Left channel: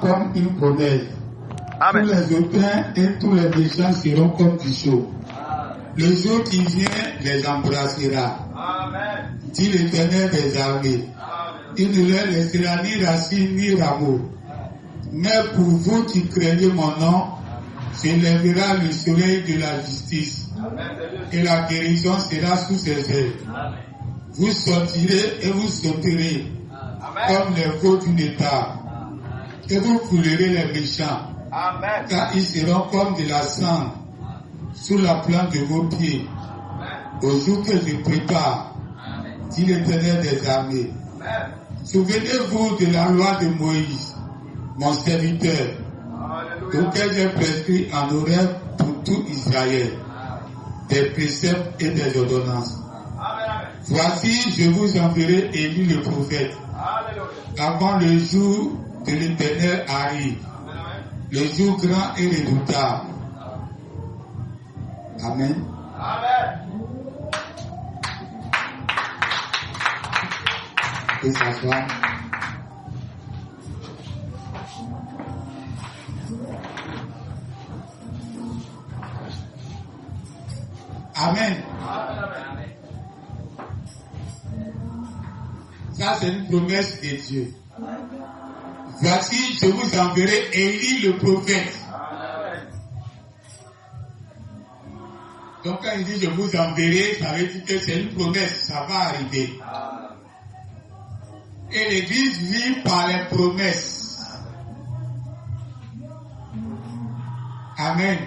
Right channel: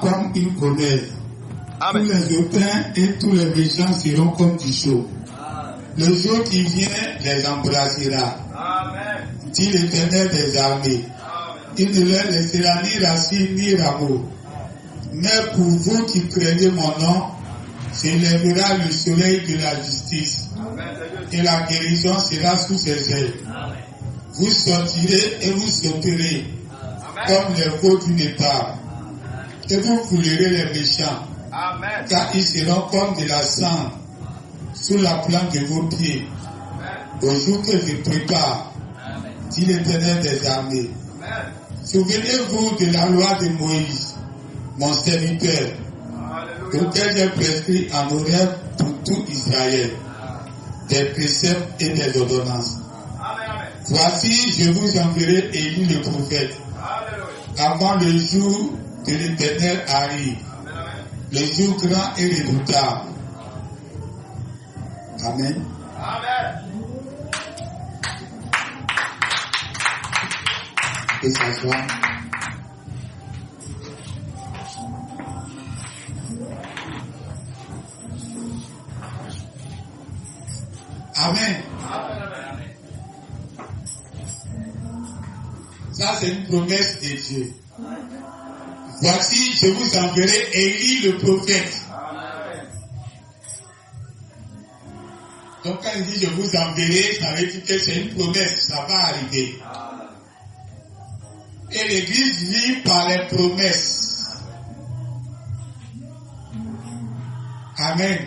Comme une promesse. Amen. Tous les hautains et tous les méchants seront comme du chaud. Le jour qui vient les embrassera. Amen. Dit l'Éternel des armées. Il ne leur laissera ni racine ni rameau. Mais pour vous qui craignez mon nom, s'élèvera le soleil de la justice. Et la guérison sera sous ses ailes. Vous sortirez et vous sauterez comme les veaux d'une étable. Et vous foulerez les méchants. Amen. Car ils seront comme de la cendre sous la plante de vos pieds. Au jour que je prépare, dit l'Éternel des armées. Souvenez-vous de la loi de Moïse, mon serviteur, auquel j'ai prescrit en Horeb pour tout Israël, des préceptes et des ordonnances. Voici, je vous enverrai Élie le prophète, avant le jour de l'Éternel arrive, le jour grand et redoutable. Amen. Et s'asseoir. Amen. Ça, c'est une promesse de Dieu. Voici, je vous enverrai Élie le prophète. Donc, quand il dit je vous enverrai, ça veut dire que c'est une promesse, ça va arriver. Et l'Église vit par les promesses. Amen.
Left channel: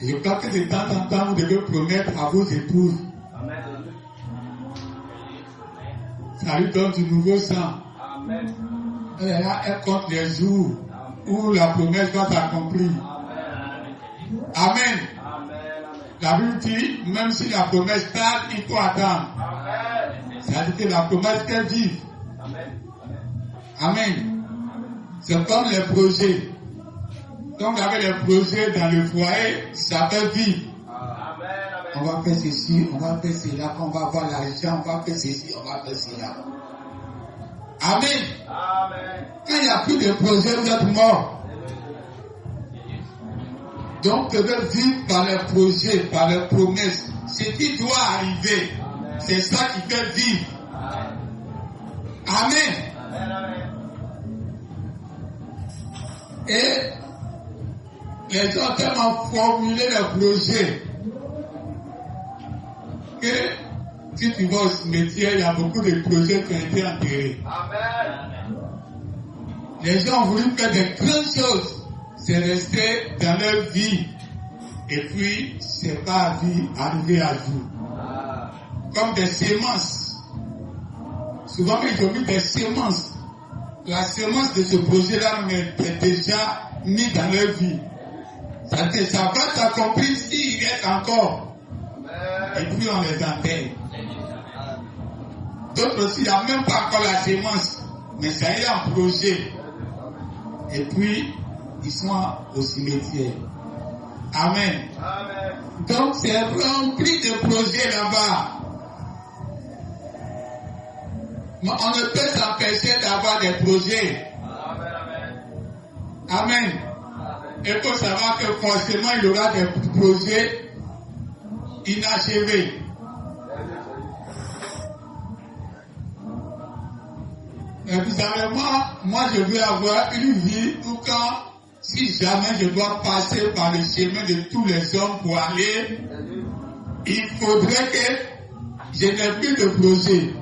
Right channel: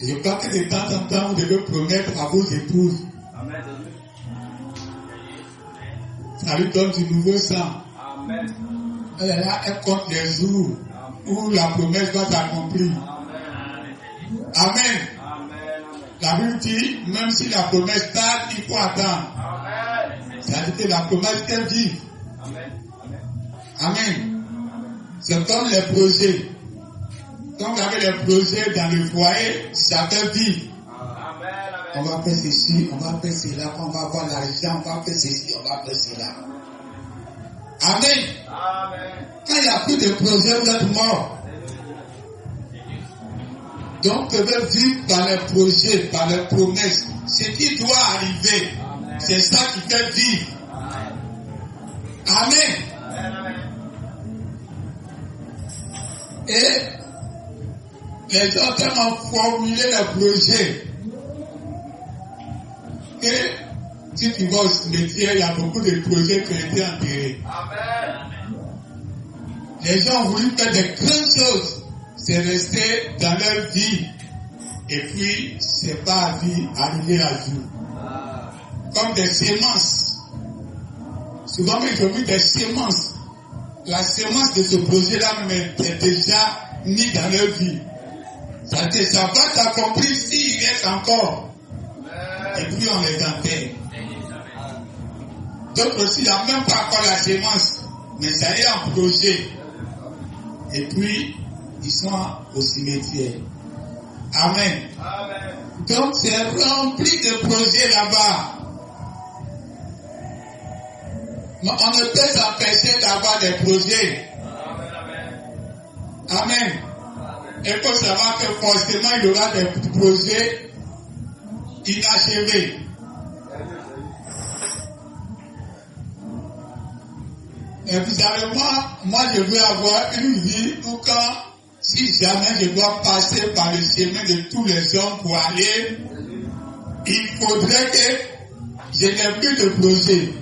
Je crois que de temps en temps, vous devez promettre à vos épouses. Ça lui donne du nouveau sang. Amen. Elle compte les jours où la promesse va s'accomplir. Amen. La Bible dit, même si la promesse tarde, il faut attendre. C'est-à-dire que la promesse est vive. Amen. C'est comme les projets. Donc, vous avez les projets dans le foyer, ça fait vivre. On va faire ceci, on va faire cela, quand on va avoir l'argent, on va faire ceci, on va faire cela. Amen. Quand il n'y a plus de projet, vous êtes mort. Donc, vous devez vivre par les projets, par les promesses. Ce qui doit arriver, c'est ça qui fait vivre. Amen. Et les autres ont formulé les projets. Que si tu vas au cimetière, il y a beaucoup de projets qui ont été enterrés. Les gens ont voulu faire des grandes choses. C'est resté dans leur vie. Et puis, c'est pas arrivé à jour. Comme des semences. Souvent, quand j'ai vu des semences, la semence de ce projet-là est déjà mise dans leur vie. Ça va s'accomplir s'il reste encore. Et puis on les enterre. D'autres aussi, il n'y a même pas encore la semence, mais ça y est un projet. Et puis, ils sont au cimetière. Amen. Donc, c'est rempli de projets là-bas. Mais on ne peut s'empêcher d'avoir des projets. Amen. Il faut savoir que forcément, il y aura des projets inachevés. Et vous savez, moi, je veux avoir une vie où quand, si jamais je dois passer par le chemin de tous les hommes pour aller, il faudrait que je n'ai plus de projet.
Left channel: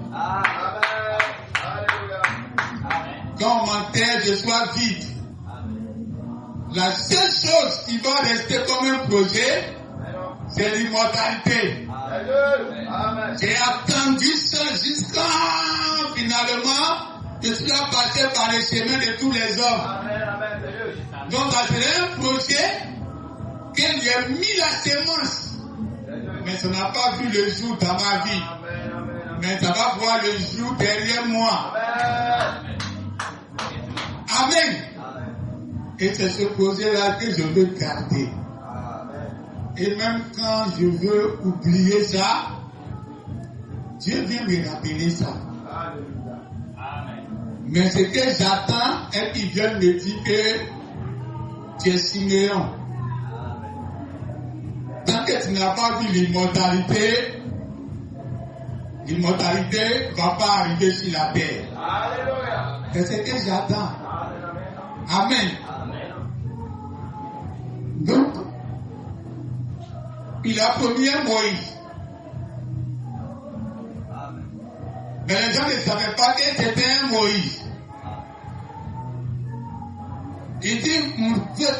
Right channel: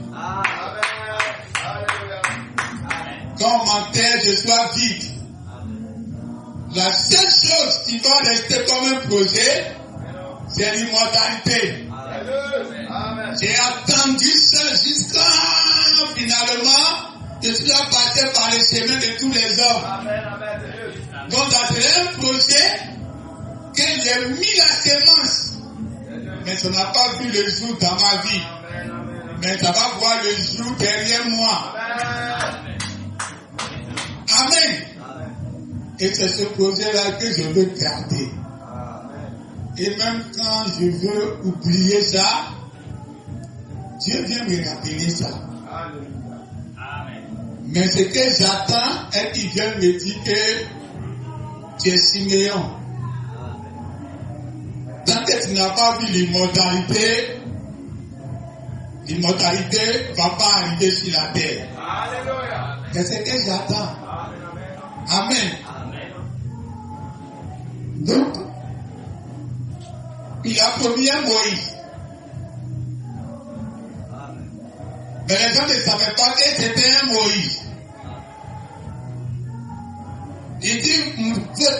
Quand on m'enterre, je sois vide. La seule chose qui va rester comme un projet, c'est l'immortalité. J'ai attendu ça jusqu'à finalement, je suis passé par le chemin de tous les hommes. Donc, c'est un projet que j'ai mis la sémence. Mais ça n'a pas vu le jour dans ma vie. Mais ça va voir le jour derrière moi. Amen. Et c'est ce projet-là que je veux garder. Et même quand je veux oublier ça, Dieu vient me rappeler ça. Alléluia. Mais ce que j'attends est qu'il vienne me dire que tu es Siméon. Tant que tu n'as pas vu l'immortalité va pas arriver sur la terre. Alléluia. C'est ce que j'attends. Amen. Donc, il a promis un Moïse. Mais les gens ne savaient pas que c'était un Moïse. Il dit,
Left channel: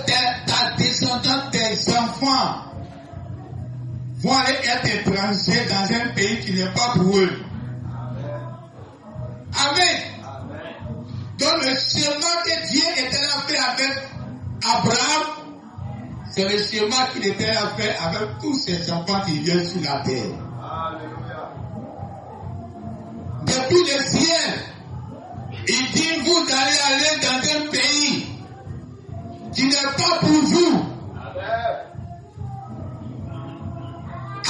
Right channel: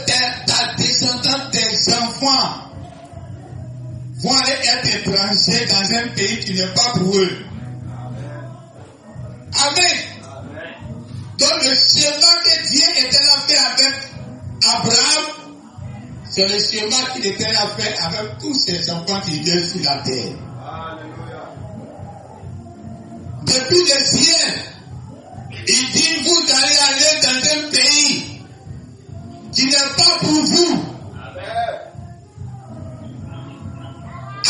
ta descendance, tes enfants vont aller être étrangers dans un pays qui n'est pas pour eux. Amen. Donc le schéma que Dieu était là fait avec Abraham, c'est le schéma qu'il était là fait avec tous ses enfants qui viennent sur la terre. Depuis le ciel, il dit, vous allez aller dans un pays qui n'est pas pour vous.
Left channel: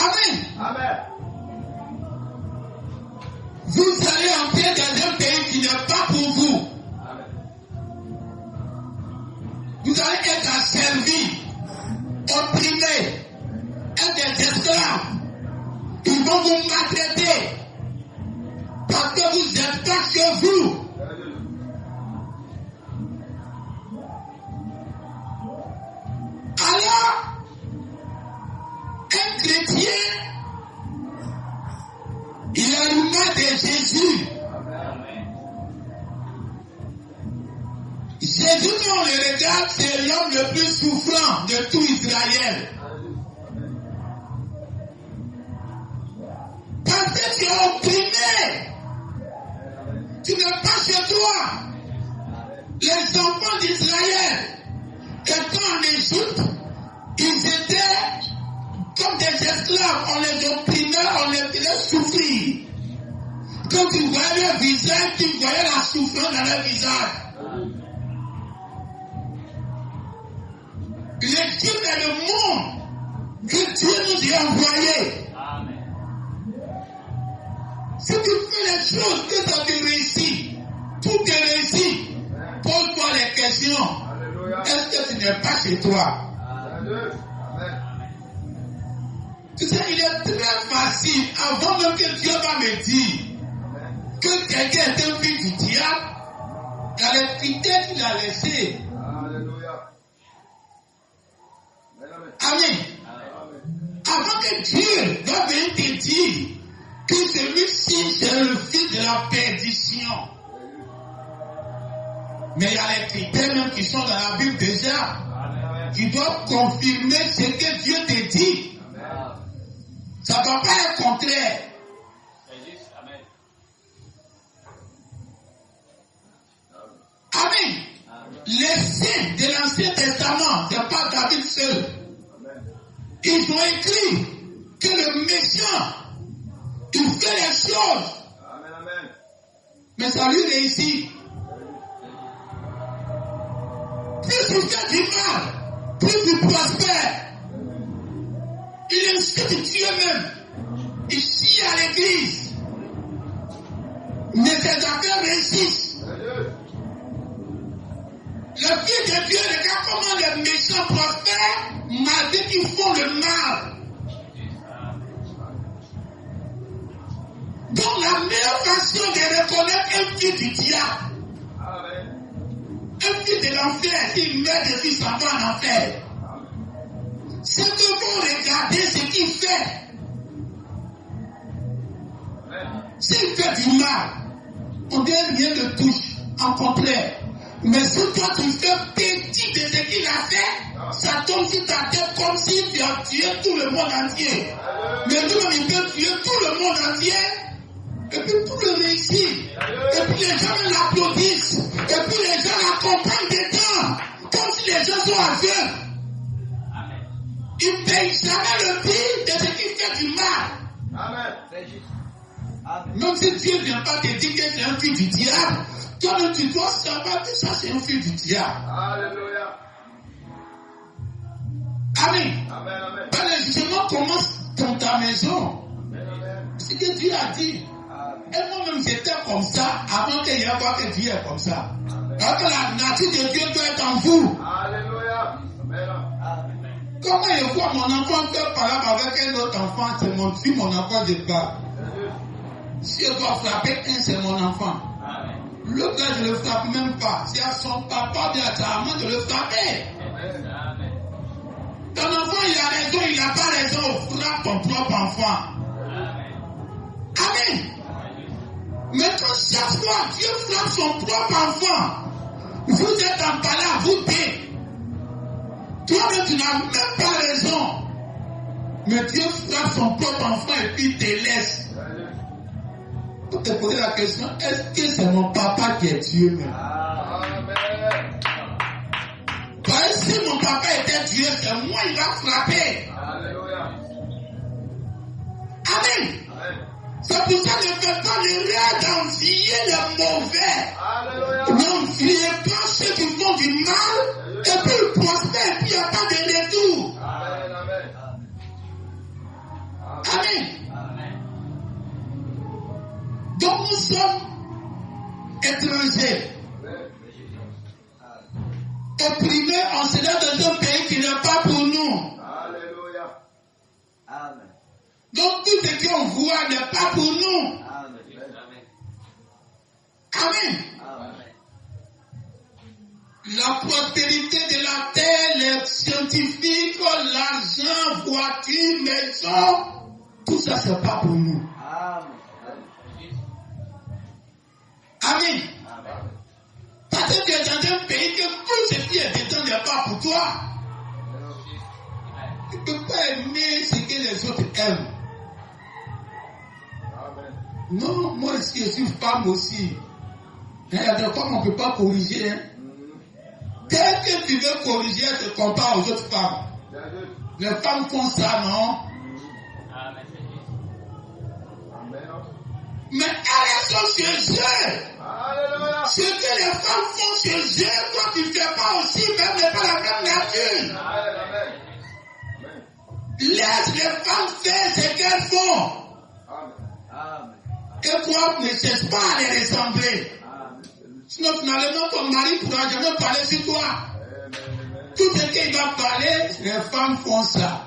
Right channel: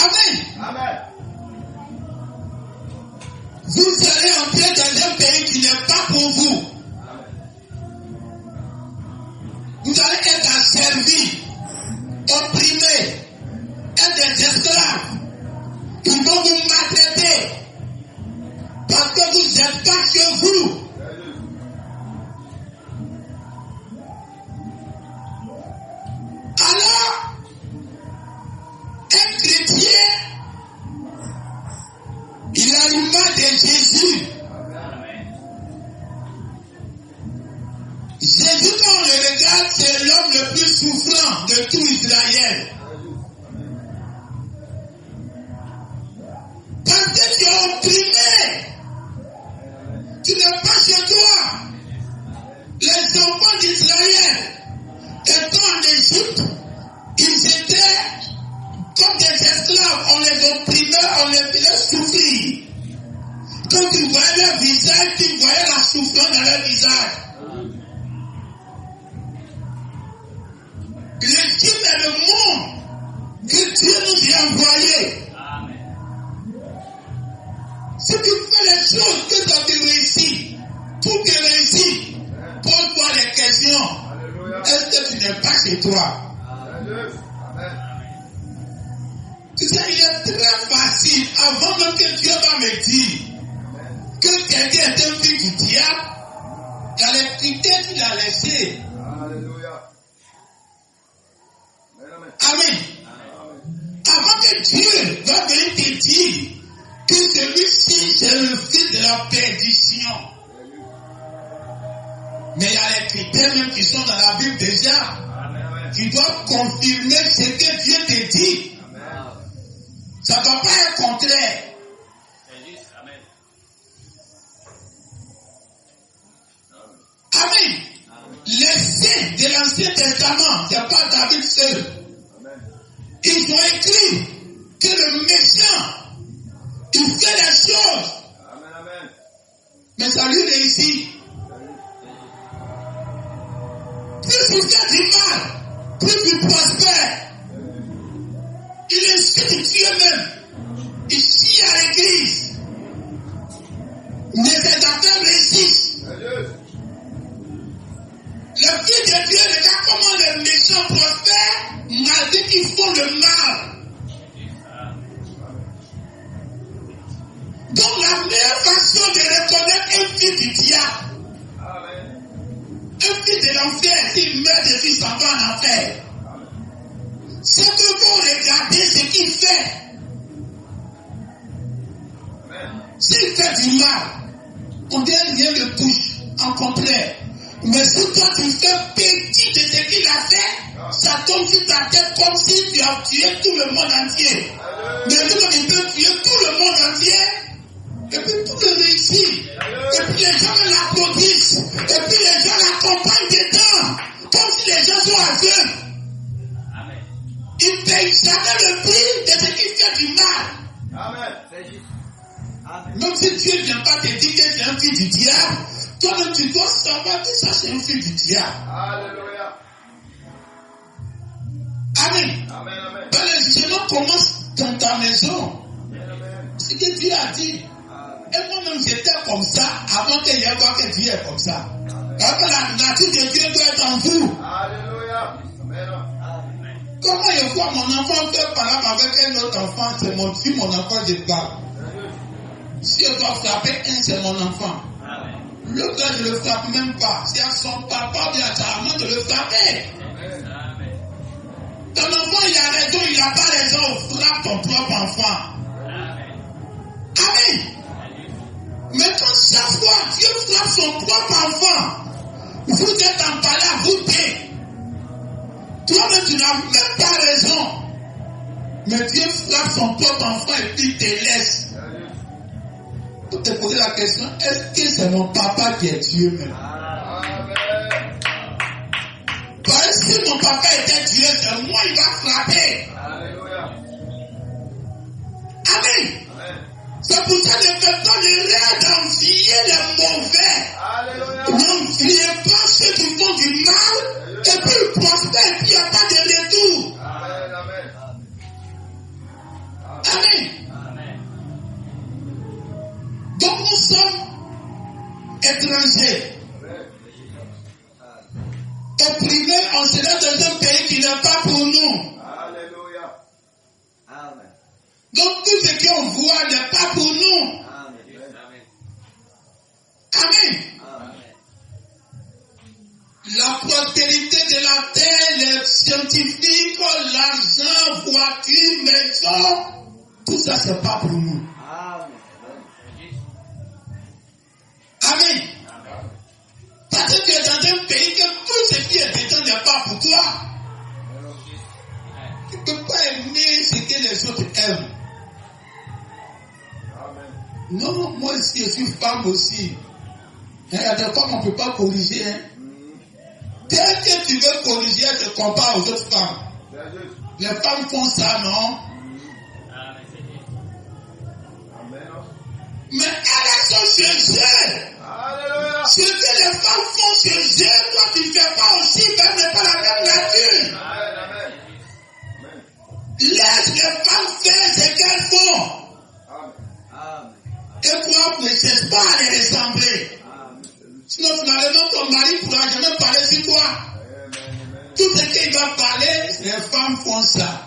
Amen. Amen. Vous allez entrer dans un pays qui n'est pas pour vous. Vous allez être asservis, opprimés, être des esclaves. Ils vont vous maltraiter parce que vous n'êtes pas chez vous. Alors, un chrétien, il a l'image de Jésus. Jésus, quand on le regarde, c'est l'homme le plus souffrant de tout Israël. Parce que tu es opprimé. Tu n'es pas chez toi. Les enfants d'Israël, étant en Égypte, ils étaient comme des esclaves. On les opprimait, on les faisait souffrir. Quand tu voyais leur visage, tu voyais la souffrance dans leur visage. L'Égypte est le monde que Dieu nous a envoyé. Si tu fais les choses que ça te réussit, tout te réussit, pose-toi les questions. Est-ce que tu n'es pas chez toi? Tu sais, il est très facile, avant même que Dieu va me dire que quelqu'un est un fils du diable, il y a les critères qu'il a laissés. Amen. Avant que Dieu va venir te dire que celui-ci c'est le fils de la perdition. Mais il y a les critères même qui sont dans la Bible déjà. Tu dois confirmer ce que Dieu te dit. Ça ne doit pas être contraire. Amen. Les saints de l'Ancien Testament, ce n'est pas David seul. Ils ont écrit que le méchant, il fait les choses. Mais ça lui réussit. Plus il fait du mal, plus il prospère. Il insulte Dieu même. Il chie à l'église. Mais ses affaires réussissent. Le Fils de Dieu regarde comment les méchants prospèrent malgré qu'ils font le mal. Donc la meilleure façon de reconnaître un fils du diable, un fils de l'enfer, s'il meurt depuis s'en va en enfer, c'est que vous regardez ce qu'il fait. S'il fait du mal, on dit rien ne touche, en contraire. Mais si toi tu fais petit de ce qu'il a fait, ça tombe sur ta tête comme si tu as tué tout le monde entier. Mais lui-même il peut tuer tout le monde entier, et puis tout le réussit. Et puis les gens l'applaudissent, et puis les gens l'accompagnent dedans, comme si les gens sont aveugles. Il ne paye jamais le prix de ce qu'il fait du mal. Amen. Même si Dieu ne vient pas te dire que c'est un fils du diable, toi-même tu dois savoir que ça c'est un fils du diable. Alléluia. Amen. Amen. Amen. Le jugement commence dans ta maison. Amen. Ce que Dieu a dit. Et moi-même, j'étais comme ça avant qu'il y ait voir que Dieu est comme ça. Parce que la nature de Dieu doit être en vous. Alléluia. Amen. Comment je vois mon enfant faire par là avec un autre enfant, c'est mon enfant, je parle. Si je dois frapper un, c'est mon enfant. L'autre, je ne le frappe même pas. C'est à son papa, bien à sa maman de le frapper. Ton enfant, il a raison, il n'a pas raison. Frappe ton propre enfant. Amen. Maintenant, chaque fois Dieu frappe son propre enfant, vous êtes en palais à vous dire. Toi-même, tu n'as même pas raison. Mais Dieu frappe son propre enfant et puis il te laisse. Pour te poser la question, est-ce que c'est mon papa qui est Dieu même? Parce que si mon papa était Dieu, c'est moi, il va frapper. Alléluia. Amen. C'est pour ça que maintenant, les rêves d'envier les mauvais. Alléluia. N'enviez pas ceux qui font du mal, et puis ils prospèrent, et puis il n'y a pas de retour. Amen. Amen. Donc nous sommes étrangers, opprimés, on sera dans un pays qui n'est pas pour nous. Alléluia. Donc tout ce qu'on voit n'est pas pour nous. Amen. La prospérité de la terre, les scientifiques, l'argent, voiture, maison, tout ça c'est pas pour nous. Amen. Parce que tu es dans un pays que tout ce qui est dedans n'est pas pour toi. Tu ne peux pas aimer ce que les autres aiment. Non, moi aussi, je suis femme aussi. Il y a des femmes qu'on ne peut pas corriger. Hein. Dès que tu veux corriger, elle te compare aux autres femmes. Les femmes font ça, non? Mais elles sont chez eux. Alléluia. Ce que les femmes font chez eux, toi tu ne fais pas aussi, même n'est pas la même nature. Amen. Laisse les femmes faire ce qu'elles font. Et toi, ne cherche pas à les ressembler. Sinon, finalement, ton mari ne pourra jamais parler sur toi. Tout ce qu'il va parler, les femmes font ça.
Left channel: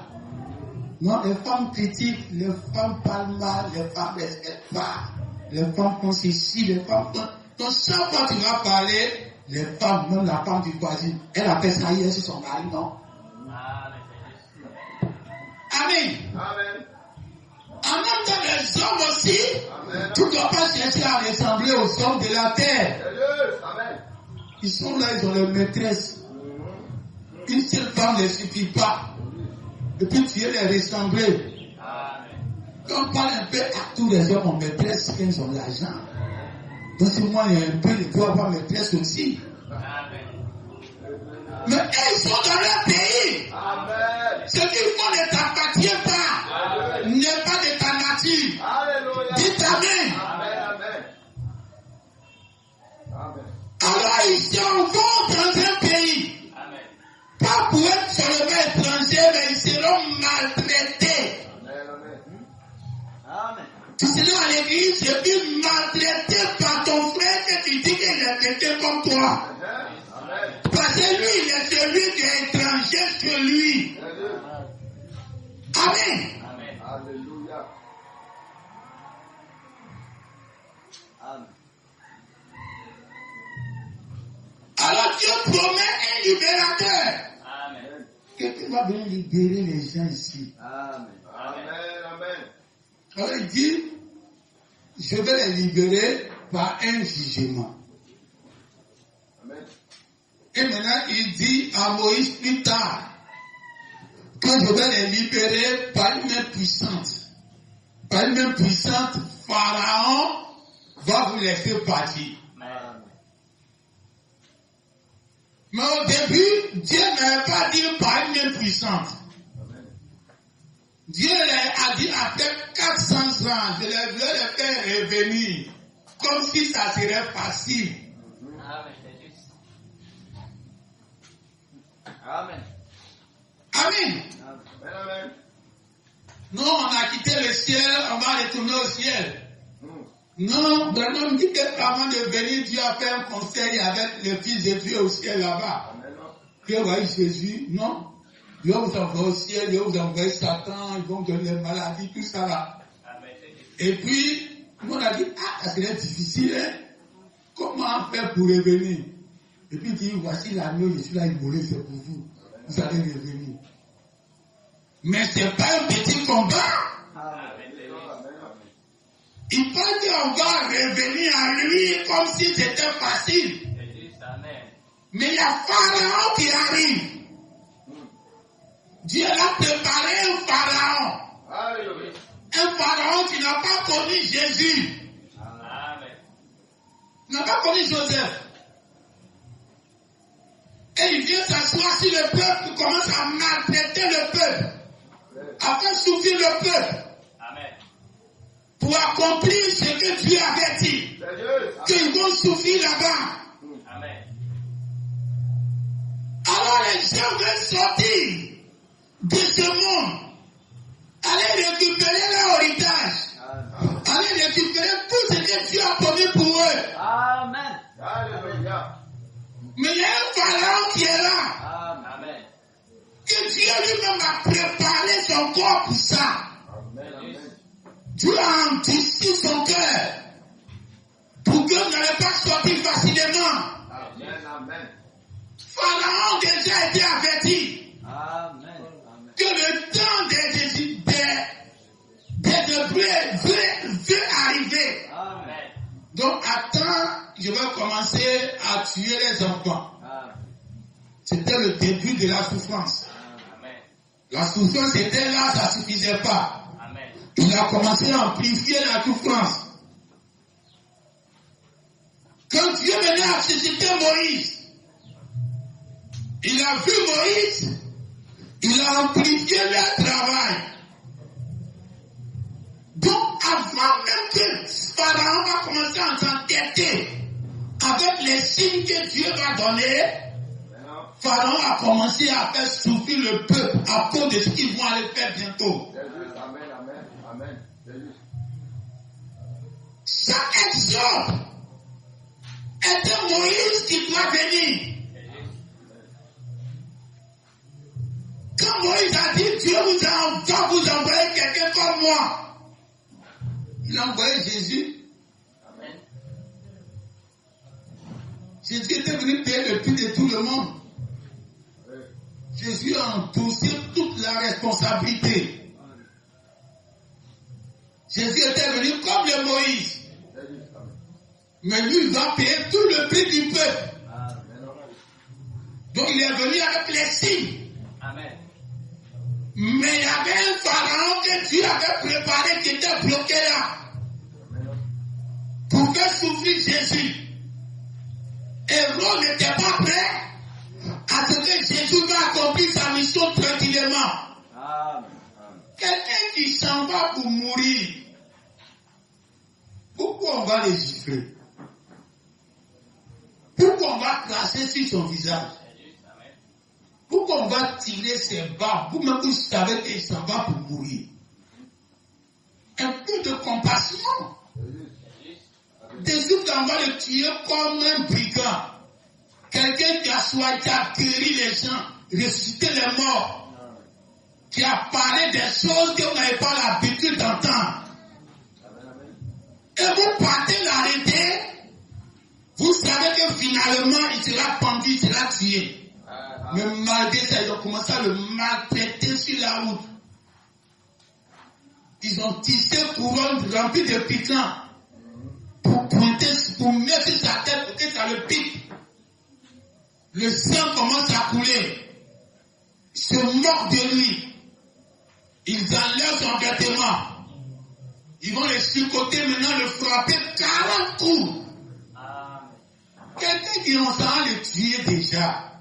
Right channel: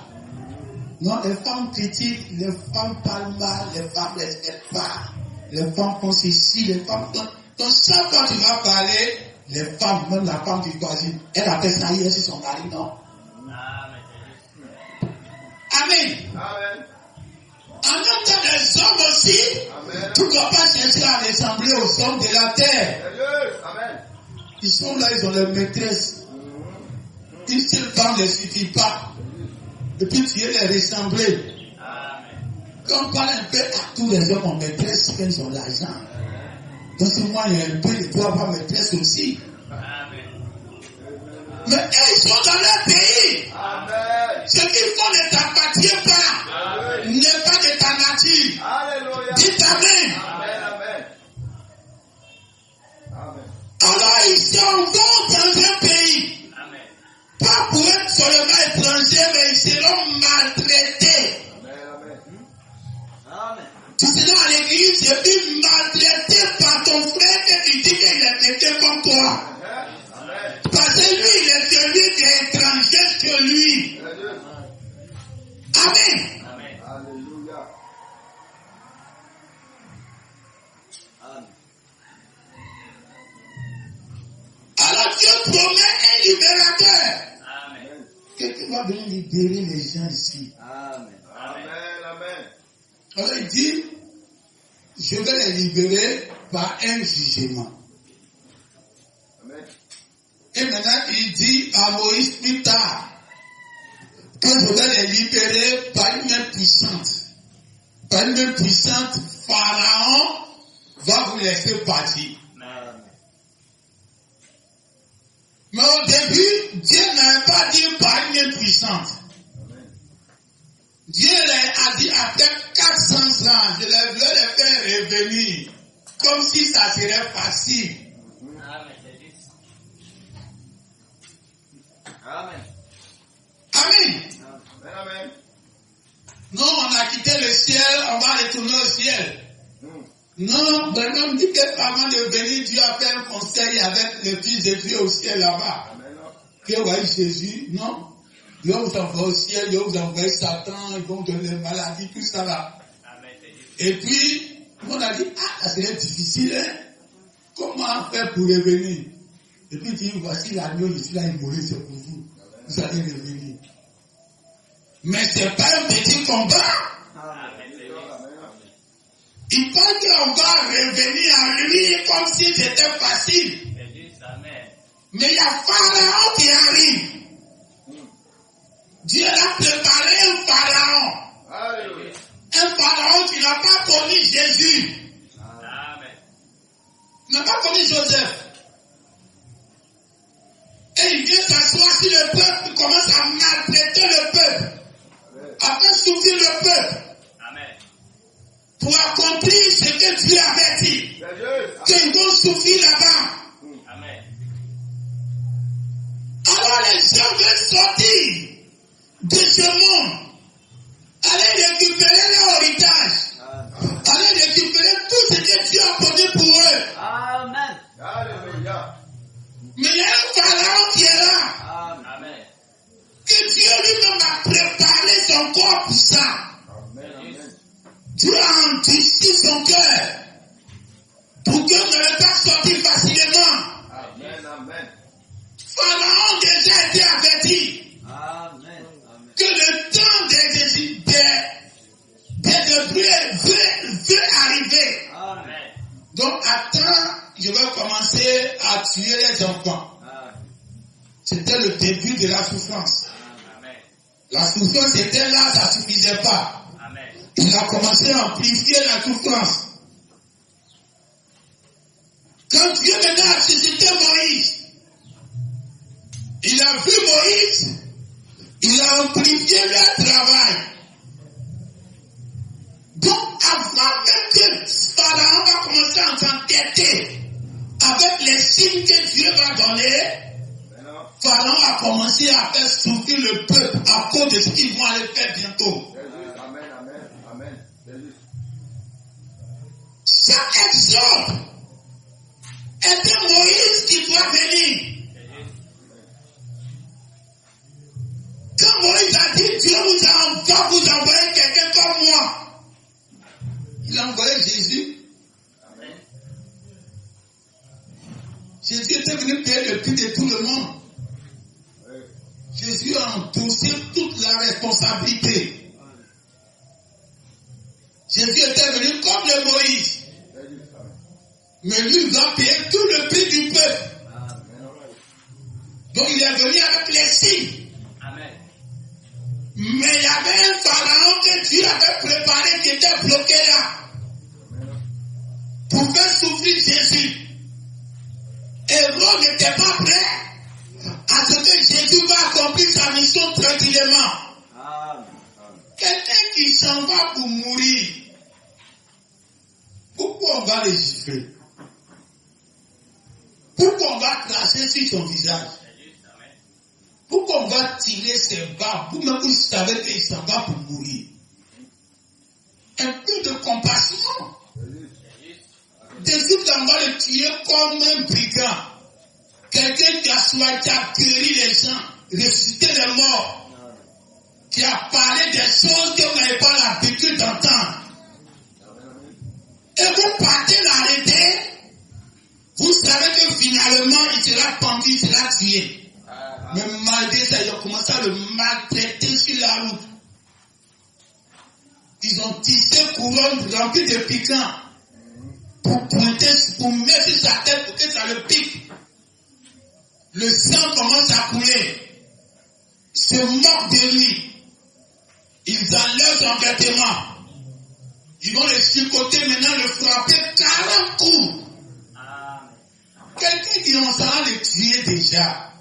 Non, les femmes critiquent, les femmes parlent mal, les femmes ne respectent pas. Les femmes font ceci, les femmes font... Donc, chaque fois que tu vas parler, les femmes, même la femme du voisin, elle appelle ça hier sur son mari, non? Amen. En même temps, les hommes aussi, tu ne dois pas chercher à ressembler aux hommes de la terre. Ils sont là, ils ont leur maîtresse. Une seule femme ne suffit pas. Et puis tu veux les ressembler. Quand on parle un peu à tous les hommes en maîtresse, qu'ils ont l'argent. Donc si moi il y a un peu, je dois avoir maîtresse aussi. Mais ils sont dans leur pays. Ce qu'ils font ne t'appartient pas. N'est pas de ta nature. Alléluia. Dites Amen. Alors ils s'en vont dans un pays. Pas pour être seulement étrangers, mais ils seront maltraités. Tu seras à l'église et puis maltraité par ton frère que tu dis qu'il est traité comme toi. Parce que lui, il est celui qui est étranger que lui. Amen. Alléluia. Alors Dieu promet un libérateur. Quelqu'un va venir libérer les gens ici. Alors il dit, je vais les libérer par un jugement. Et maintenant il dit à Moïse plus tard, que je vais les libérer par une main puissante. Par une main puissante, Pharaon va vous laisser partir. Mais au début, Dieu n'avait pas dit par une main puissante. Dieu a dit après 400 ans, je vais les faire revenir, comme si ça serait facile. Amen. Non, on a quitté quitter le ciel, on va retourner au ciel. Non, Bernard me dit qu'avant de venir, Dieu a fait un conseil avec le Fils de Dieu au ciel là-bas. Que voyez Jésus, non? Dieu vous envoie au ciel, Dieu vous envoie Satan, ils vont donner des maladies, tout ça là. Et puis, on a dit, ça serait difficile, hein? Comment faire pour revenir? Et puis il dit, voici l'agneau, je suis là, il mourrait, c'est pour vous. Vous allez revenir. Mais ce n'est pas un petit combat. Il parle qu'on va revenir à lui comme si c'était facile. Mais il y a Pharaon qui arrive. Dieu a préparé un Pharaon. Un Pharaon qui n'a pas connu Jésus. Il n'a pas connu Joseph. Et il vient s'asseoir sur le peuple, il commence à maltraiter le peuple, à faire souffrir le peuple, pour accomplir ce que Dieu avait dit, qu'ils vont souffrir là-bas. Alors les gens veulent sortir de ce monde, aller récupérer leur héritage, aller récupérer tout ce que Dieu a promis pour eux. Amen. Mais il y a un Pharaon qui est là. Amen. Que Dieu lui-même a préparé son corps pour ça. Dieu a endurci son cœur pour que vous n'allez pas sortir facilement. Amen. Pharaon déjà été averti que le temps des veut arriver. Amen. Donc attends, je vais commencer à tuer les enfants. C'était le début de la souffrance. La souffrance était là, ça ne suffisait pas. Il a commencé à amplifier la souffrance. Quand Dieu venait à susciter Moïse, il a vu Moïse, il a amplifié leur travail. Donc avant même que Pharaon va commencer à s'entêter avec les signes que Dieu va donner, Pharaon a commencé à faire souffrir le peuple à cause de ce qu'ils vont aller faire bientôt. Amen. Chaque exemple était Moïse qui doit venir. Quand Moïse a dit, Dieu va vous envoyer quelqu'un comme moi, il a envoyé Jésus. Jésus était venu payer le prix de tout le monde. Jésus a endossé toute la responsabilité. Jésus était venu comme le Moïse. Mais lui, il va payer tout le prix du peuple. Donc il est venu avec les signes. Mais il y avait un Pharaon que Dieu avait préparé qui était bloqué là. Pour faire souffrir Jésus. Et Rome n'était pas prêt à ce que Jésus va accomplir sa mission tranquillement. Quelqu'un qui s'en va pour mourir. Pourquoi on va les gifler? Pourquoi on va cracher sur son visage? Pourquoi on va tirer ses barbes? Vous-même, vous savez qu'il s'en va pour mourir. Un peu de compassion. Des autres, on va le tuer comme un brigand. Quelqu'un qui a guéri les gens, ressuscité les morts, qui a parlé des choses que vous n'avez pas l'habitude d'entendre. Et vous partez l'arrêter, vous savez que finalement il sera pendu, il sera tué. Mais malgré ça, ils ont commencé à le maltraiter sur la route. Ils ont tissé couronne remplie de piquants pour pointer, pour mettre sur sa tête pour que ça le pique. Le sang commence à couler. Ils se moquent de lui. Ils enlèvent son vêtement. Ils vont le chicoter maintenant, le frapper 40 coups. Quelqu'un qui on s'en va le tuer déjà.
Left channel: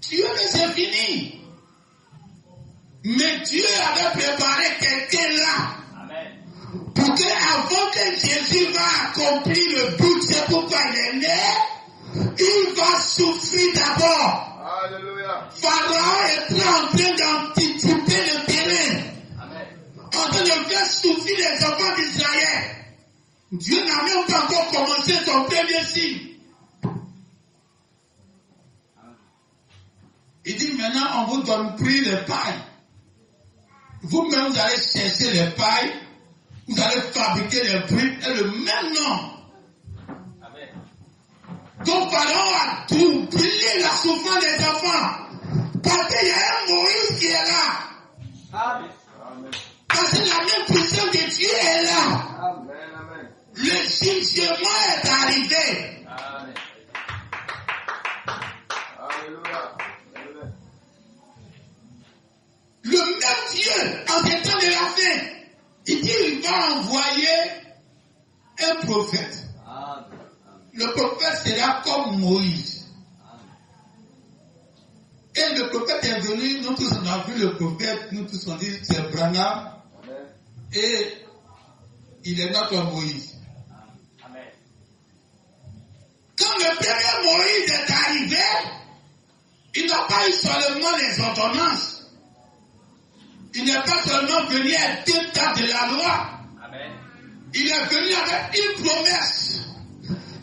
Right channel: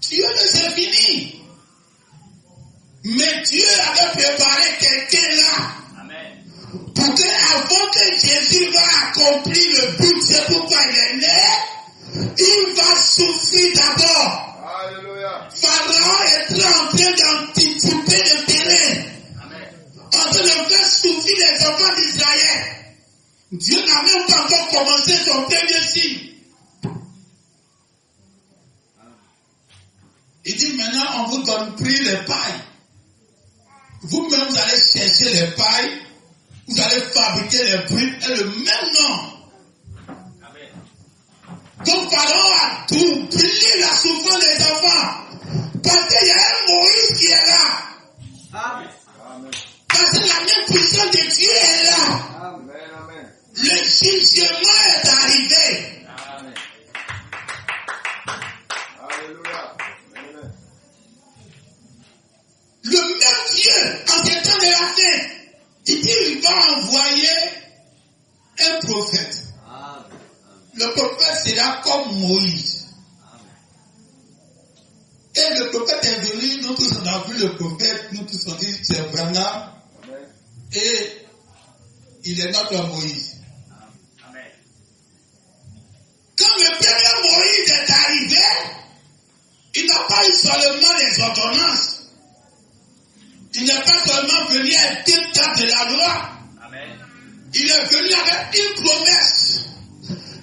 Dieu ne c'est fini. Mais Dieu avait préparé quelqu'un là. Pour que avant que Jésus va accomplir le but, c'est pourquoi il est né, il va souffrir d'abord. Pharaon est en train d'anticiper le terrain. En train enfants d'Israël. Dieu n'a même pas encore commencé son premier signe. Il dit maintenant on vous donne pris les pailles. Vous-même vous allez chercher les pailles, vous allez fabriquer les briques et le même nom. Donc Pharaon a doublé la souffrance des enfants. Parce qu'il y a un Moïse qui est là. Amen. Parce que la même puissance de Dieu est là. Amen. Le jugement est arrivé. Amen. Alléluia. Le même Dieu, en ces temps de la fin, il dit il va envoyer un prophète. Le prophète sera comme Moïse. Et le prophète est venu, nous tous on a vu le prophète, nous tous on dit c'est Branham. Et il est notre Moïse. Amen. Quand le premier Moïse est arrivé, il n'a pas eu seulement les ordonnances. Il n'est pas seulement venu avec deux tas de la loi. Amen. Il est venu avec une promesse.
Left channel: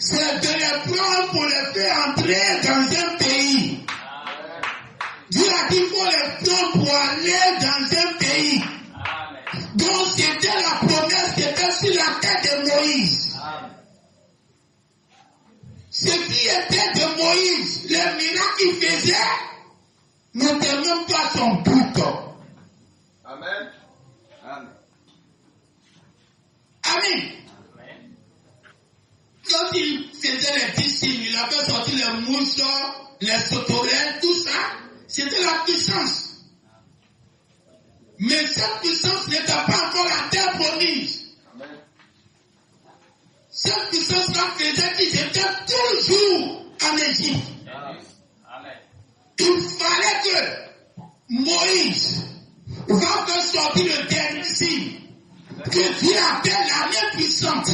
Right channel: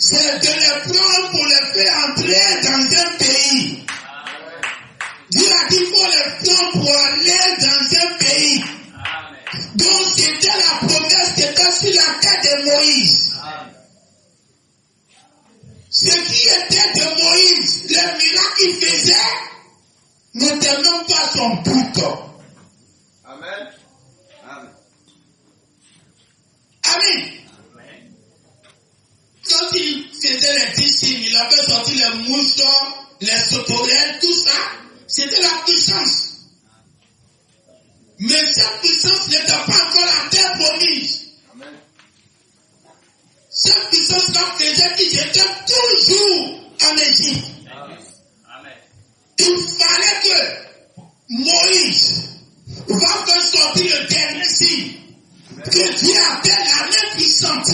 C'est de les prendre pour les faire entrer dans un pays. Amen. Dieu a dit qu'il faut les prendre pour aller dans un pays. Amen. Donc c'était la promesse qui était sur la tête de Moïse. Amen. Ce qui était de Moïse, les miracles qu'il faisait, n'était même pas son but. Amen. Amen. Amen. Quand il faisait les 10 signes, il avait sorti les mouches, les sauterelles, tout ça, c'était la puissance. Mais cette puissance n'était pas encore la terre promise. Amen. Cette puissance-là faisait qu'ils étaient toujours en Égypte. Amen. Il fallait que Moïse va faire sortir le dernier signe que Dieu appelle l'année puissante.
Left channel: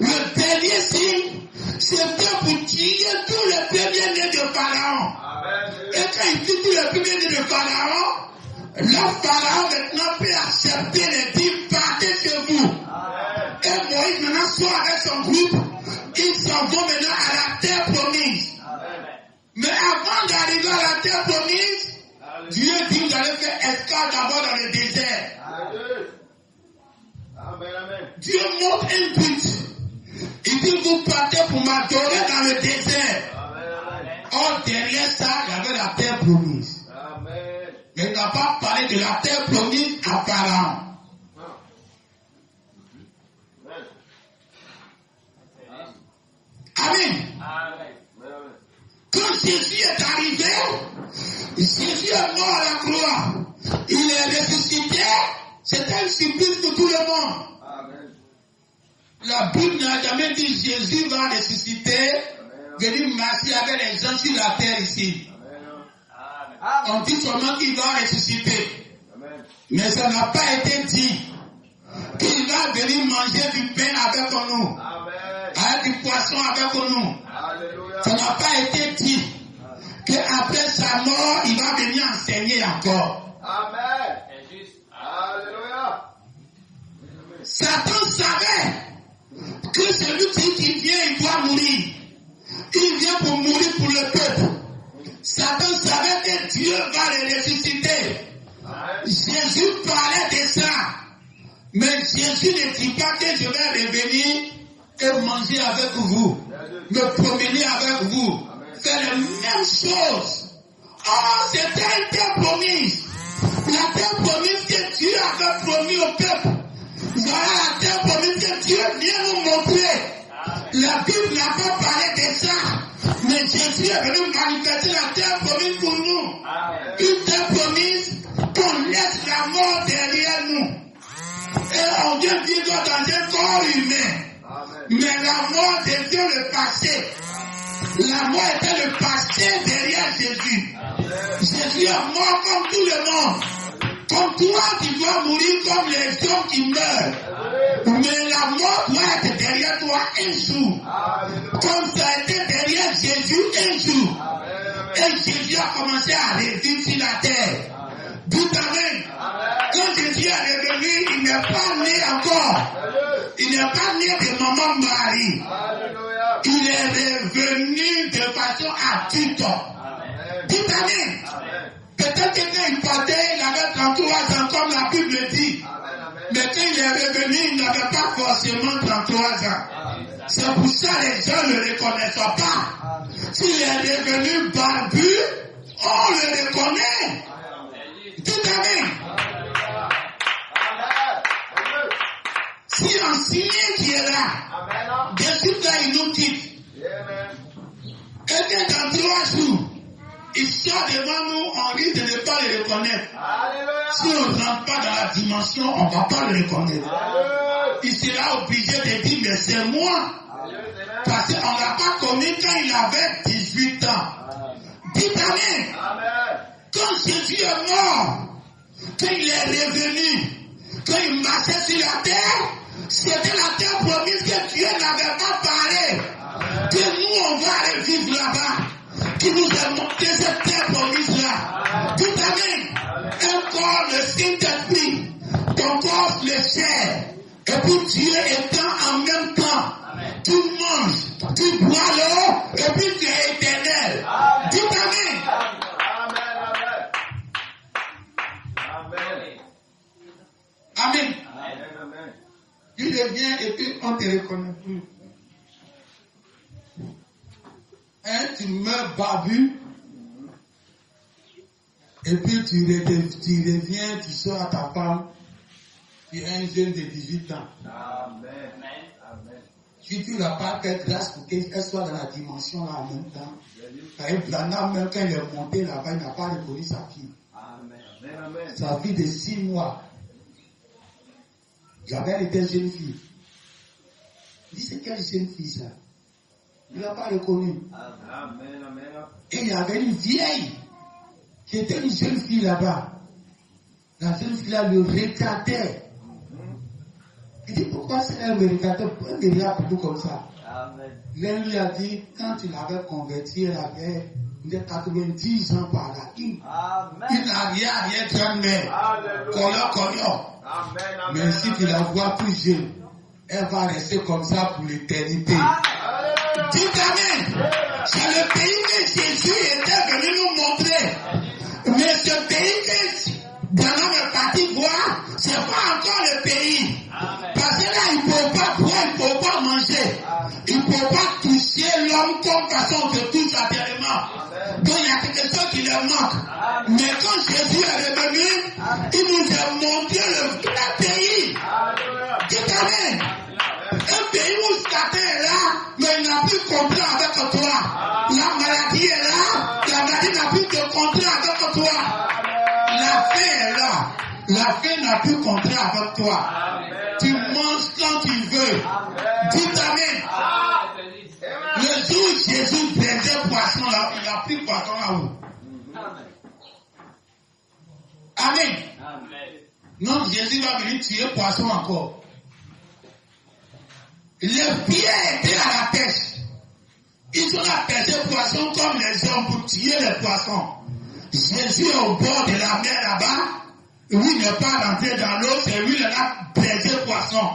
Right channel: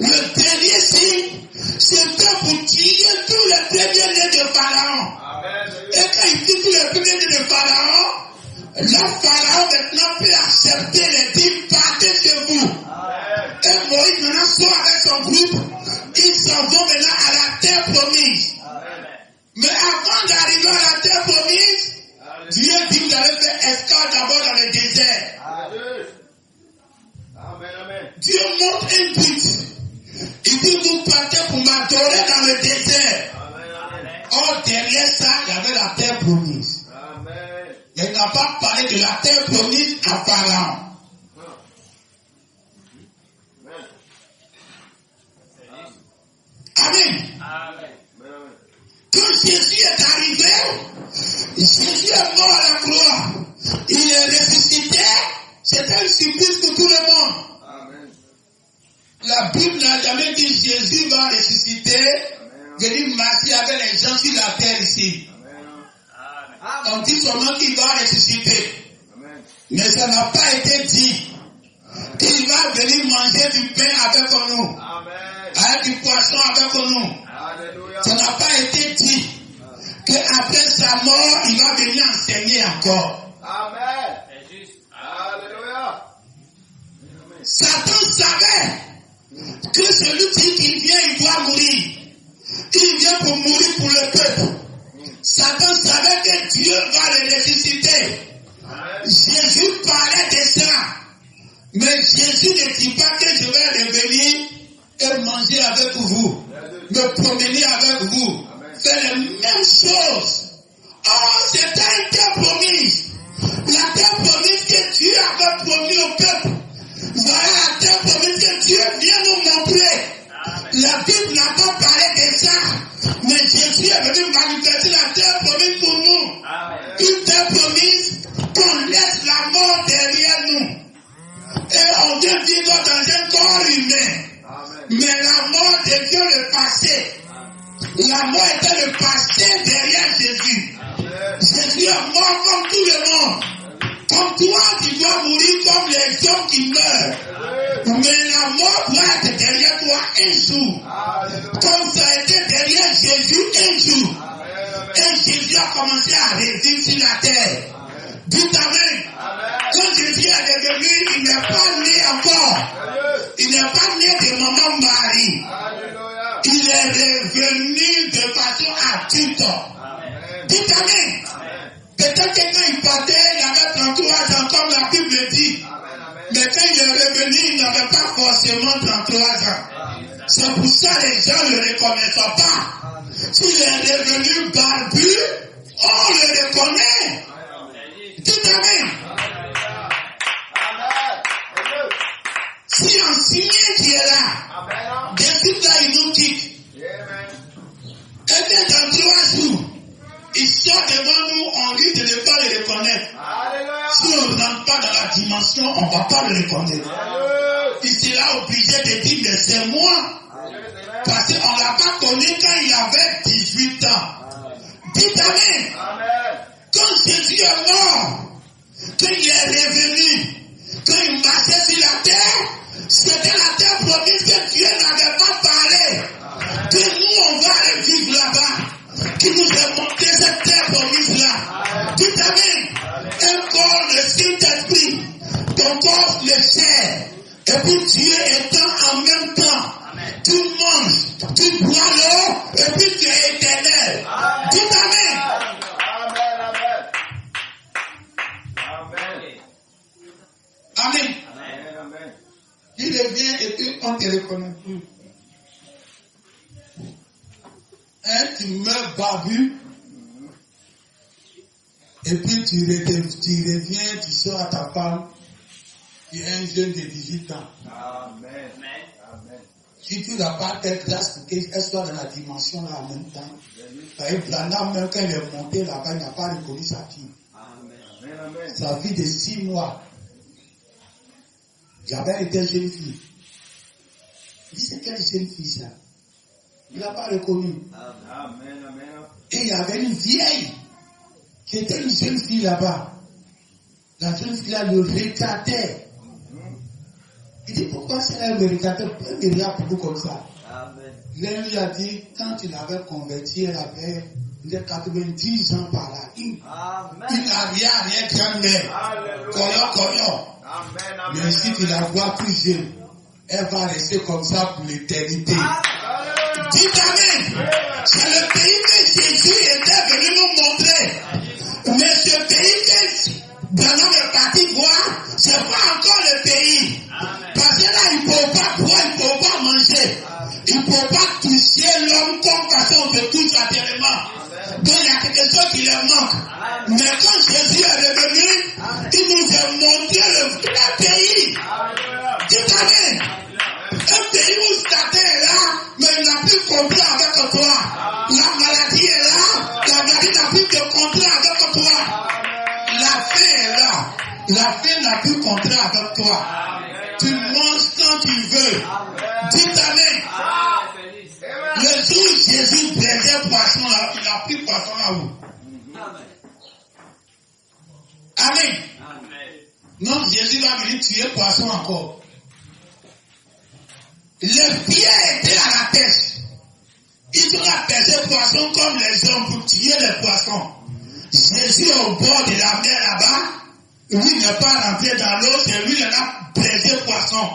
Le dernier signe, c'était pour tuer tous les premiers-nés de Pharaon. Amen. Et quand il tue tous les premiers-nés de Pharaon, le Pharaon maintenant peut accepter les 10 partez chez vous. Amen. Et Moïse maintenant sort avec son groupe, ils s'en vont maintenant à la terre promise. Amen. Mais avant d'arriver à la terre promise, Dieu dit vous allez faire escale d'abord dans le désert. Amen. Dieu montre un but. Il dit vous partez pour m'adorer dans le désert. Amen. Or derrière ça, il y avait la terre promise. Amen. Mais il n'a pas parlé de la terre promise à Pharaon. Amen. Amen. Quand Jésus est arrivé, Jésus est mort à la croix. Il est ressuscité. C'était une surprise pour tout le monde. Amen. La Bible n'a jamais dit Jésus va ressusciter, venir marcher avec les gens sur la terre ici. Amen. On dit seulement qu'il va ressusciter. Amen. Mais ça n'a pas été dit qu'il va venir manger du pain avec nous, Amen. avec du poisson avec nous. Alléluia. Ça n'a pas été dit qu'après sa mort, il va venir enseigner encore. Amen. Alléluia. Satan savait que celui qui vient, il doit mourir. Il vient pour mourir pour le peuple. Satan savait que Dieu va le ressusciter. Amen. Jésus parlait de ça. Mais Jésus ne dit pas que je vais revenir et manger avec vous, me promener avec vous, faire les mêmes choses. Oh, c'était une terre promise. La terre promise que Dieu avait promis au peuple. Voilà la terre promise que Dieu vient nous montrer. La Bible n'a pas parlé de ça. Mais Jésus est venu manifester la terre promise pour nous. Amen. Une terre promise qu'on laisse la mort derrière nous. Et on vient vivre dans un corps humain. Amen. Mais la mort devient le passé. La mort était le passé derrière Jésus. Jésus est mort comme tout le monde. Comme toi, tu dois mourir comme les hommes qui meurent. Mais la mort doit être derrière toi un jour. Alléluia. Comme ça a été derrière Jésus un jour. Amen. Et Jésus a commencé à revivre sur la terre. Dites Amen. Amen. Quand Jésus est revenu, il n'est pas né encore. Il n'est pas né de maman Marie. Alléluia. Il est revenu de façon adulte. Amen. Dites Amen. Amen. Peut-être que quand il partait, il avait 33 ans, comme la Bible dit. Amen. Mais quand il est revenu, il n'avait pas forcément 33 ans. Amen. C'est pour ça que les gens ne le reconnaissent pas. S'il est devenu barbu, on le reconnaît. Dites Amen. Si un signe qui est là, Amen. des suite là, il nous quitte. Et bien dans 3 jours, il sort devant nous, on risque de ne pas le reconnaître. Alléluia. Si on ne rentre pas dans la dimension, on ne va pas le reconnaître. Il sera obligé de dire, mais c'est moi. Parce qu'on ne l'a pas connu quand il avait 18 ans. Dites Amen. Amen. Quand Jésus est mort, quand il est revenu, quand il marchait sur la terre, c'était la terre promise que Dieu n'avait pas parlé. Que nous, on va aller vivre là-bas. Qui nous a montré cette terre promise-là. Dites Amen. Un corps, le Saint-Esprit, ton corps, le chair. Et puis Dieu étant en même temps. Tu manges, tu bois l'eau, et puis tu es éternel. Dites Amen. Amen. Tu reviens et puis on ne te reconnaît plus. Hein, tu meurs barbu. Et puis tu reviens, tu sors à ta femme. Tu es un jeune de 18 ans. Amen. Si tu n'as pas fait grâce pour qu'elle soit dans la dimension là en même temps. Par exemple, Branham, même quand il est monté là-bas, il n'a pas reconnu sa fille. Sa fille de 6 mois. J'avais été jeune fille. Il dit, c'est quelle jeune fille ça? Il n'a pas reconnu. Et il y avait une vieille qui était une jeune fille là-bas. La jeune fille là le regardait. Il dit, pourquoi elle me regardait? Pourquoi elle me regarde beaucoup comme ça? L'un lui a dit, quand il avait converti, elle avait 90 ans par là. Une arrière-grand-mère. Coyon. Mais si tu la vois plus jeune, elle va rester comme ça pour l'éternité. Dites Amen. C'est le pays que Jésus était venu nous montrer. Mais ce pays que Branham est parti voir, c'est pas encore le pays. Parce que là, il ne peut pas boire, il ne peut pas manger. Il ne peut pas toucher l'homme comme façon de touche matériellement. Donc il y a quelque chose qui leur manque. Mais quand Jésus est revenu, il nous a montré le vrai pays. Dites Amen. Un pays où Satan est là, mais il n'a plus compris avec toi. La maladie est là, la maladie n'a plus de contrat avec toi. La faim est là, la faim n'a plus contrat avec toi. Tu manges quand tu veux. Dites Amen. Le jour où Jésus plaisait poisson là, il n'a plus poisson à vous. Amen. Non, Jésus va venir tuer poisson encore. Les pierres étaient à la pêche. Ils ont pêché poisson comme les hommes pour tuer les poissons. Jésus est au bord de la mer là-bas. Lui n'est pas rentré dans l'eau, c'est lui qui a plaisé poisson.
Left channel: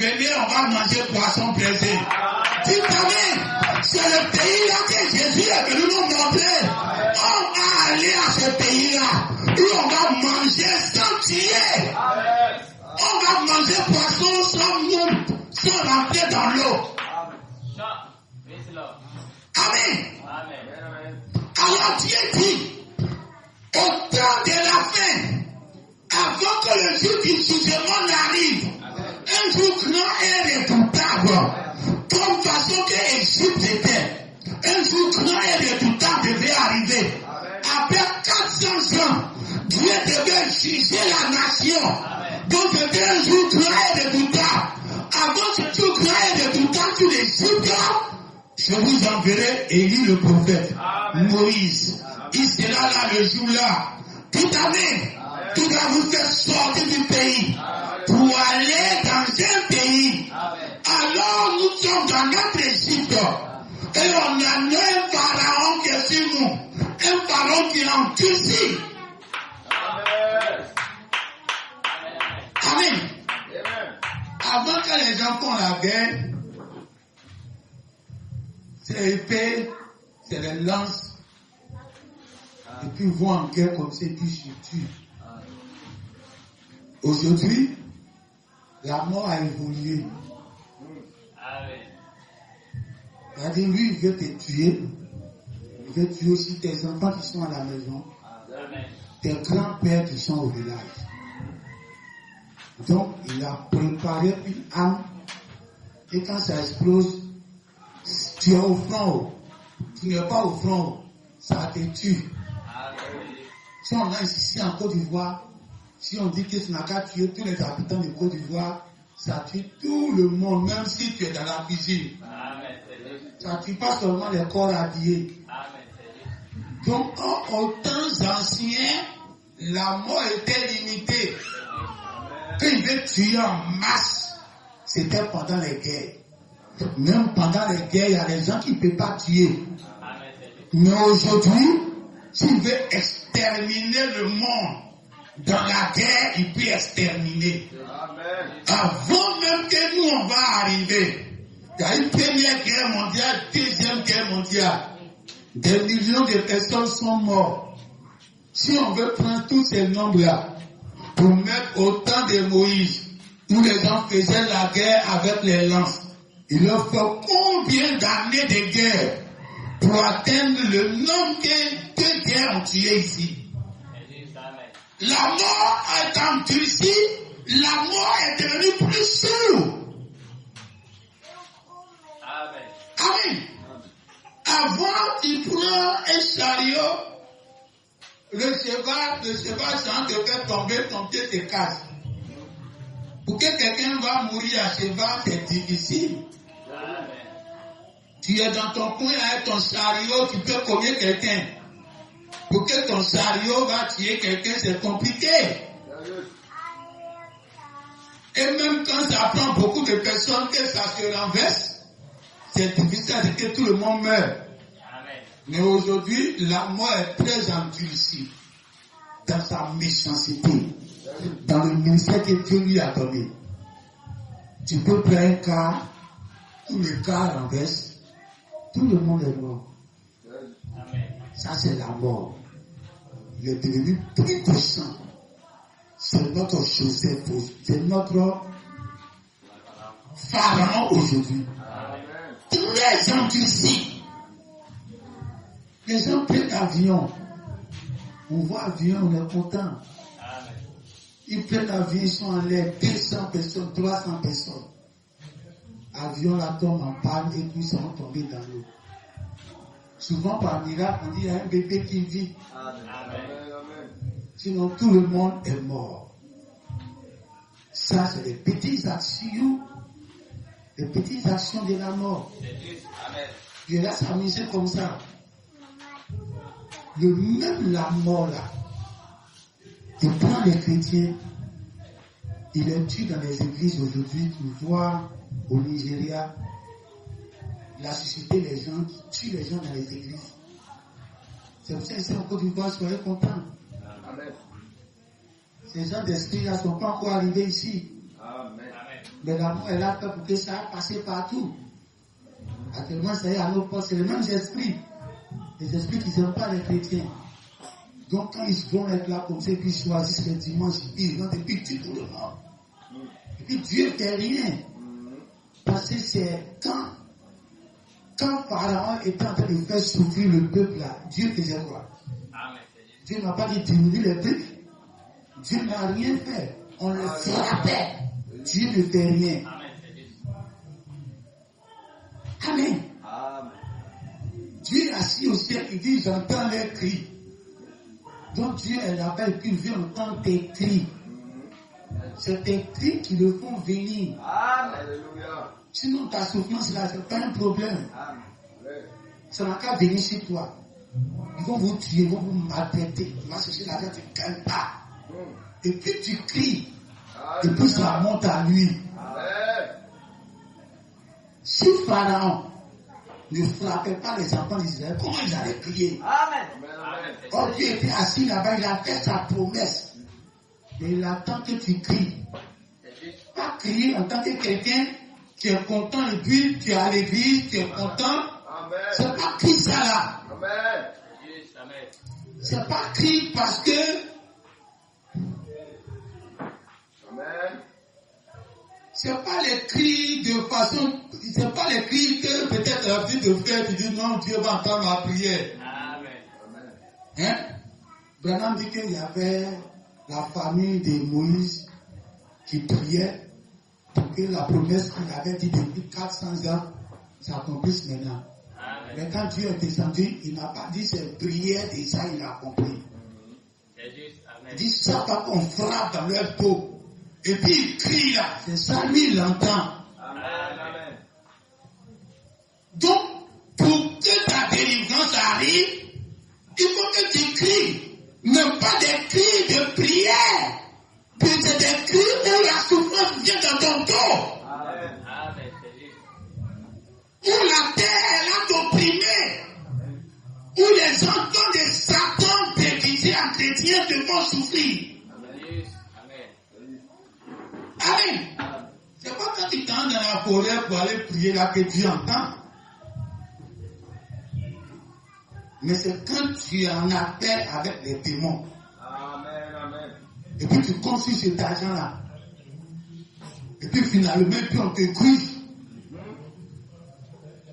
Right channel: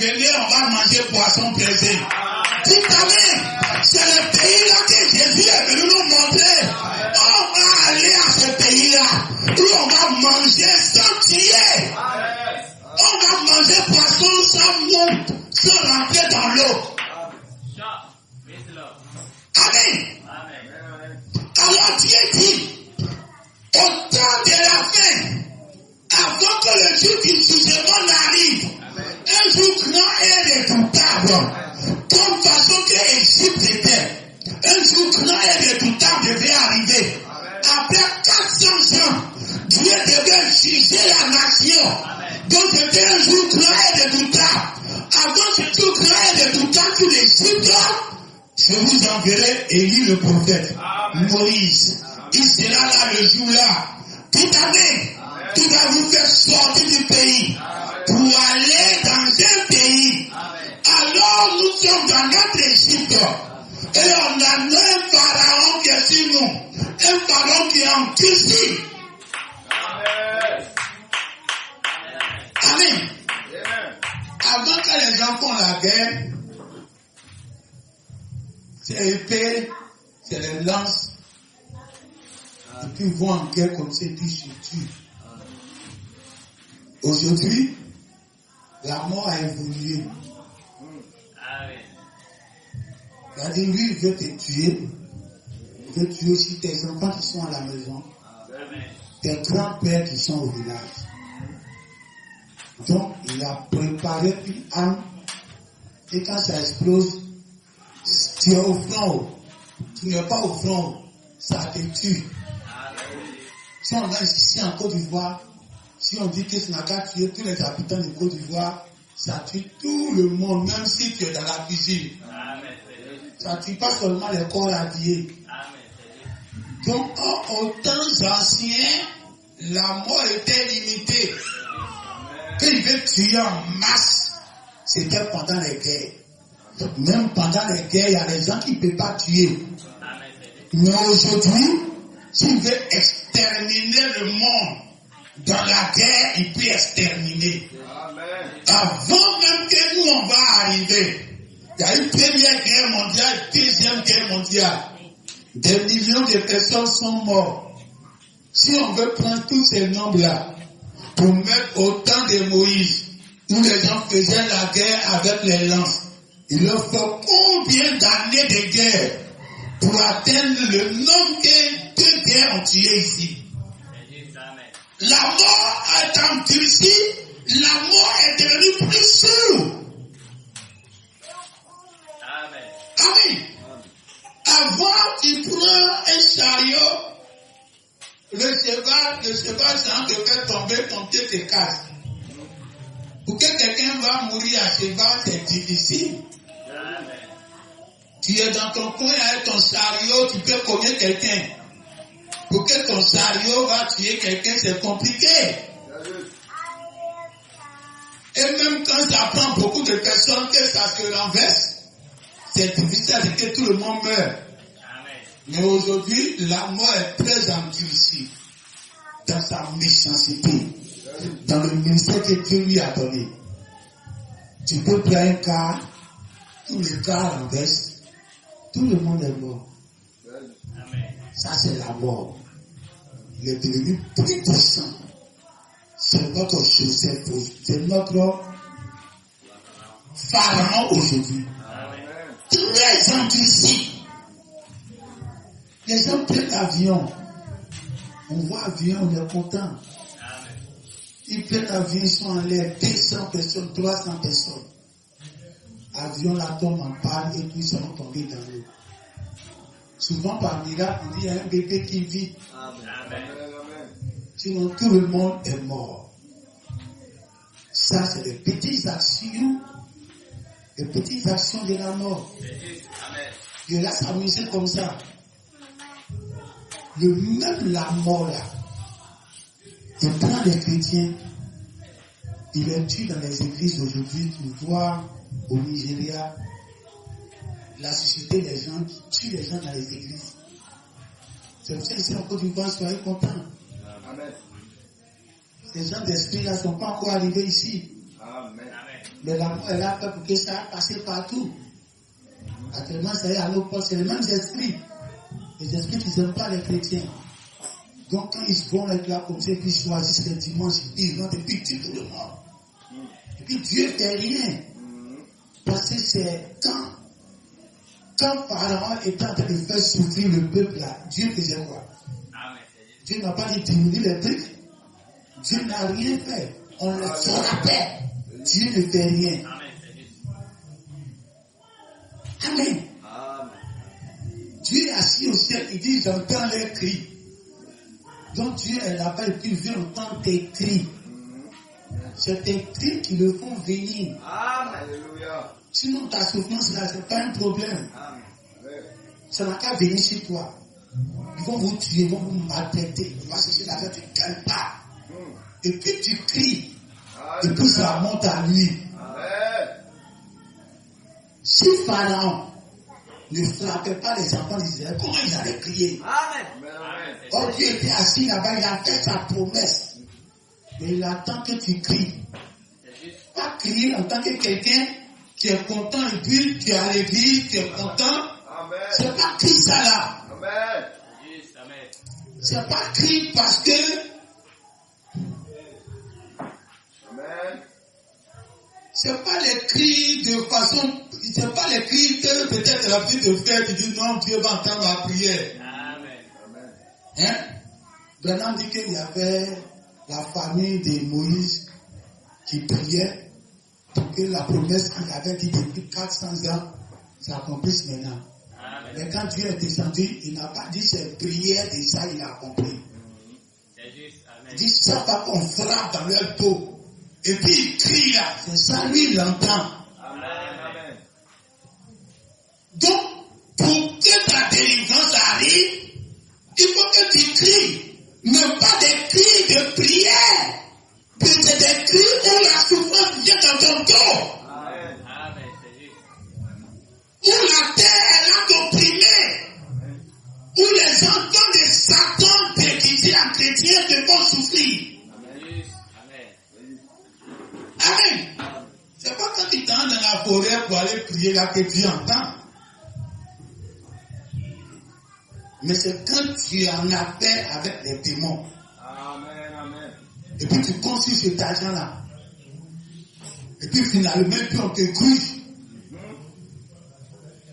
Venez, on va manger poisson plaisé. Dites Amen. C'est le pays là que Jésus est venu nous montrer. On va aller à ce pays-là où on va manger sans tuer. On va manger poisson sans rentrer dans l'eau. Amen. Alors Dieu dit, au temps de la fin, avant que le jour du jugement n'arrive, un jour grand et redoutable, comme façon que Égypte était, un jour grand et redoutable devait arriver. Après 400 ans, Dieu devait juger la nation. Donc c'était un jour grand et redoutable. Avant ce jour grand et redoutable sur l'Égypte, je vous enverrai Élie le prophète, Moïse. Il sera là le jour-là. Tout Amen. Tout va vous faire sortir du pays pour aller dans un pays. Alors nous sommes dans notre Égypte et on a un pharaon qui est sur nous. Un pharaon qui est endurci. Amen. les gens font la guerre, c'est l'épée, c'est les lances. Et puis ils vont en guerre comme ça, et puis ils se tuent. Aujourd'hui, la mort a évolué. C'est-à-dire, lui, il veut te tuer. Il veut tuer aussi tes enfants qui sont à la maison. Tes grands-pères qui sont au village. Donc, il a préparé une arme. Et quand ça explose, tu es au front. Tu n'es pas au front. Ça te tue. Si on a ici en Côte d'Ivoire, si on dit que ça n'a qu'à tuer tous les habitants de Côte d'Ivoire, ça tue tout le monde, même si tu es dans la cuisine. Ça ne tue pas seulement les corps habillés. Donc, aux temps anciens, la mort était limitée. Quand il veut tuer en masse, c'était pendant les guerres. Même pendant les guerres, il y a des gens qui ne peuvent pas tuer. Mais aujourd'hui, s'il veut exterminer le monde, dans la guerre, il peut exterminer. Amen. Avant même que nous, on va arriver, il y a une première guerre mondiale, deuxième guerre mondiale. Des millions de personnes sont mortes. Si on veut prendre tous ces nombres-là, pour mettre au temps de Moïse, où les gens faisaient la guerre avec les lances, il leur faut combien d'années de guerre pour atteindre le nombre que deux guerres ont tué ici? La mort est endurcie, la mort est devenue plus sûre. Amen. Avant, tu prends un chariot, le cheval sans te faire tomber, ton pied te casse. Pour que quelqu'un va mourir à cheval, c'est difficile. Tu es dans ton coin avec ton chariot, tu peux cogner quelqu'un. Pour que ton chariot va tuer quelqu'un, c'est compliqué. Et même quand ça prend beaucoup de personnes que ça se renverse, c'est difficile de que tout le monde meurt. Mais aujourd'hui, la mort est très endurcie dans sa méchanceté, dans le ministère que Dieu lui a donné. Tu peux prendre un car, tout le car renverse, tout le monde est mort. Ça, c'est la mort. Il est devenu plus puissant. C'est notre Joseph, c'est notre Pharaon aujourd'hui. Très endurci. Les gens prennent l'avion. On voit l'avion, on est content. Ils prennent l'avion, ils sont en l'air, 200 personnes, 300 personnes. L'avion la tombe en panne et puis ils sont tombés dans l'eau. Souvent par miracle, on dit il y a un bébé qui vit. Amen. Sinon tout le monde est mort. Ça, c'est des petites actions de la mort. Je laisse s'amuser comme ça. Même la mort là, il prend les chrétiens, il les tue dans les églises aujourd'hui. Tu vois au Nigeria, la société, les gens qui tuent les gens dans les églises. C'est pour ça que c'est en Côte d'Ivoire, soyez contents. Amen. Ces gens d'esprit là ne sont pas encore arrivés ici. Amen. Mais la mort est là pour que ça a passé partout. Actuellement, ça y est à nos portes, c'est les mêmes esprits. Les esprits qui n'aiment pas les chrétiens. Donc quand ils vont être là comme ça, puis ils choisissent les dimanches, ils vont depuis tout le monde. Et puis Dieu ne fait rien. Parce que c'est quand Pharaon était en train de faire souffrir le peuple là, Dieu faisait quoi? Dieu n'a pas dit diminuer les trucs. Dieu n'a rien fait. On le frappait. Dieu ne fait rien. Amen. Dieu est assis au ciel, il dit j'entends les cris. Donc Dieu est là-bas et puis vient entendre tes cris. C'est tes cris qui le font venir. Alléluia. Sinon ta souffrance là, c'est pas un problème. Ça n'a qu'à venir chez toi. Ils vont vous tuer, ils vont vous maltraiter. Tu vas chercher la tête, tu ne gagnes pas. Et puis tu cries. Et puis ça monte à lui. Si Pharaon ne frappait pas les enfants d'Israël, comment ils allaient crier? Amen. Or Dieu était assis là-bas, il a fait sa promesse. Et il attend que tu cries. Pas crier en tant que quelqu'un tu es content et puis tu es à l'église, tu es content. Amen. C'est pas Christ ça là. Amen. C'est pas Christ parce que Amen. c'est pas les cris de façon, c'est pas les cris que peut-être la vie de frère qui dit non, Dieu va entendre ma prière. Amen. Hein? Branham dit qu'il y avait la famille de Moïse qui priait pour que la promesse qu'il avait dit depuis 400 ans s'accomplisse maintenant. Mais quand Dieu est descendu, il n'a pas dit ses prières, et ça il a compris. Il dit ça va qu'on frappe dans leur dos. Et puis il crie là, c'est ça lui il l'entend. Amen. Donc, pour que ta délivrance arrive, il faut que tu cries. Mais pas des cris de prière. Mais c'est des cris où la souffrance vient dans ton dos. Amen. Où la terre est là d'opprimer. Où les enfants de Satan baptisés en chrétien te font souffrir. Amen. C'est pas quand tu t'entres dans la forêt pour aller prier là que Dieu entend. Mais c'est quand tu es en appel avec les démons. Amen. Et puis tu construis cet argent-là. Et puis finalement, on te gruge.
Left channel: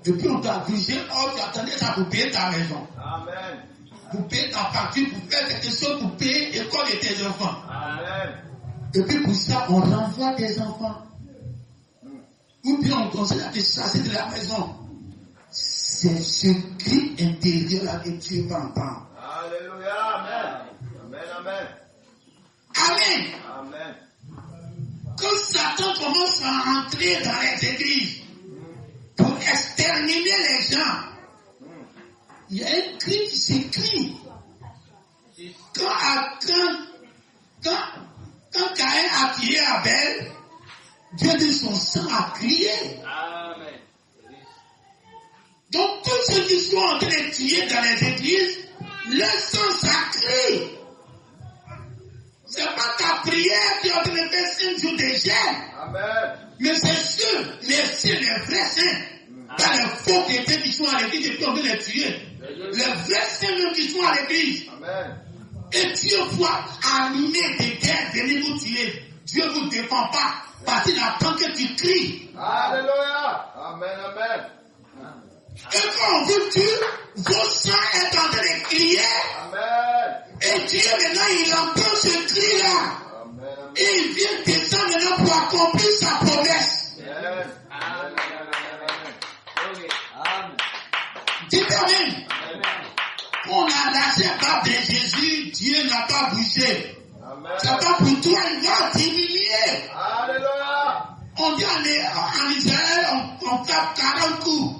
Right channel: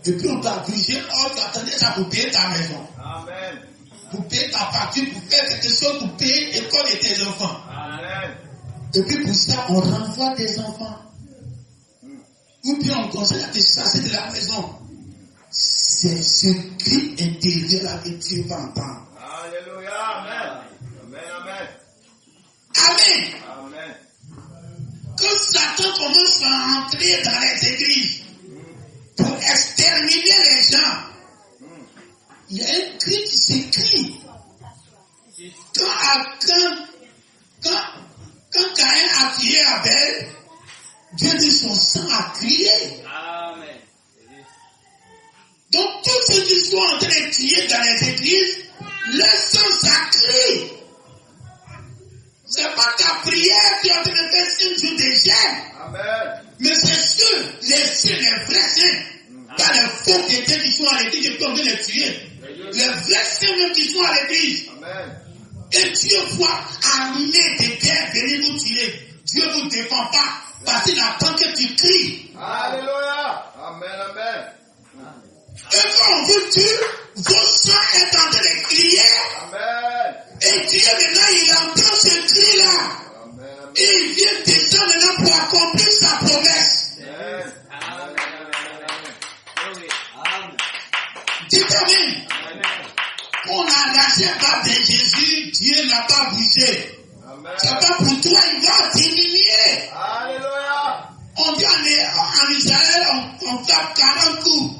Et puis on t'a grugé. Oh, tu attendais ça pour payer ta maison. Amen. Pour payer ta facture, pour faire quelque chose, pour payer l'école de tes enfants. Amen. Et puis pour ça, on renvoie tes enfants. Ou bien on conseille à te chasser de la maison. C'est ce cri intérieur que Dieu va entendre. Alléluia. Amen. Amen. Quand Satan commence à entrer dans les églises pour exterminer les gens, il y a un cri qui s'écrit. Quand Caïn a tué Abel, Dieu dit son sang a crié. Donc tous ceux qui sont en train de tuer dans les églises, le sang ça crie. C'est pas ta prière qui est en train de faire 5 jours de jeûne. Amen. Mais c'est ceux, les vrais saints. Pas les faux chrétiens qui sont à l'église et puis on veut les tuer. Les vrais saints même qui sont à l'église. Amen. Et Dieu voit armée de guerre venir vous tuer. Dieu ne vous défend pas parce qu'il attend que tu cries. Alléluia. Amen. Et quand on vous tue, vos sang est en train de crier. Amen. Et Dieu maintenant il entend ce cri-là. Amen. Et il vient descendre maintenant pour accomplir sa promesse. Amen. Dites Amen. On a arraché par de Jésus, Dieu n'a pas bougé. Amen. C'est pas pour toi, il va diminuer. Alléluia. On dit en Israël, on frappe 40 coups.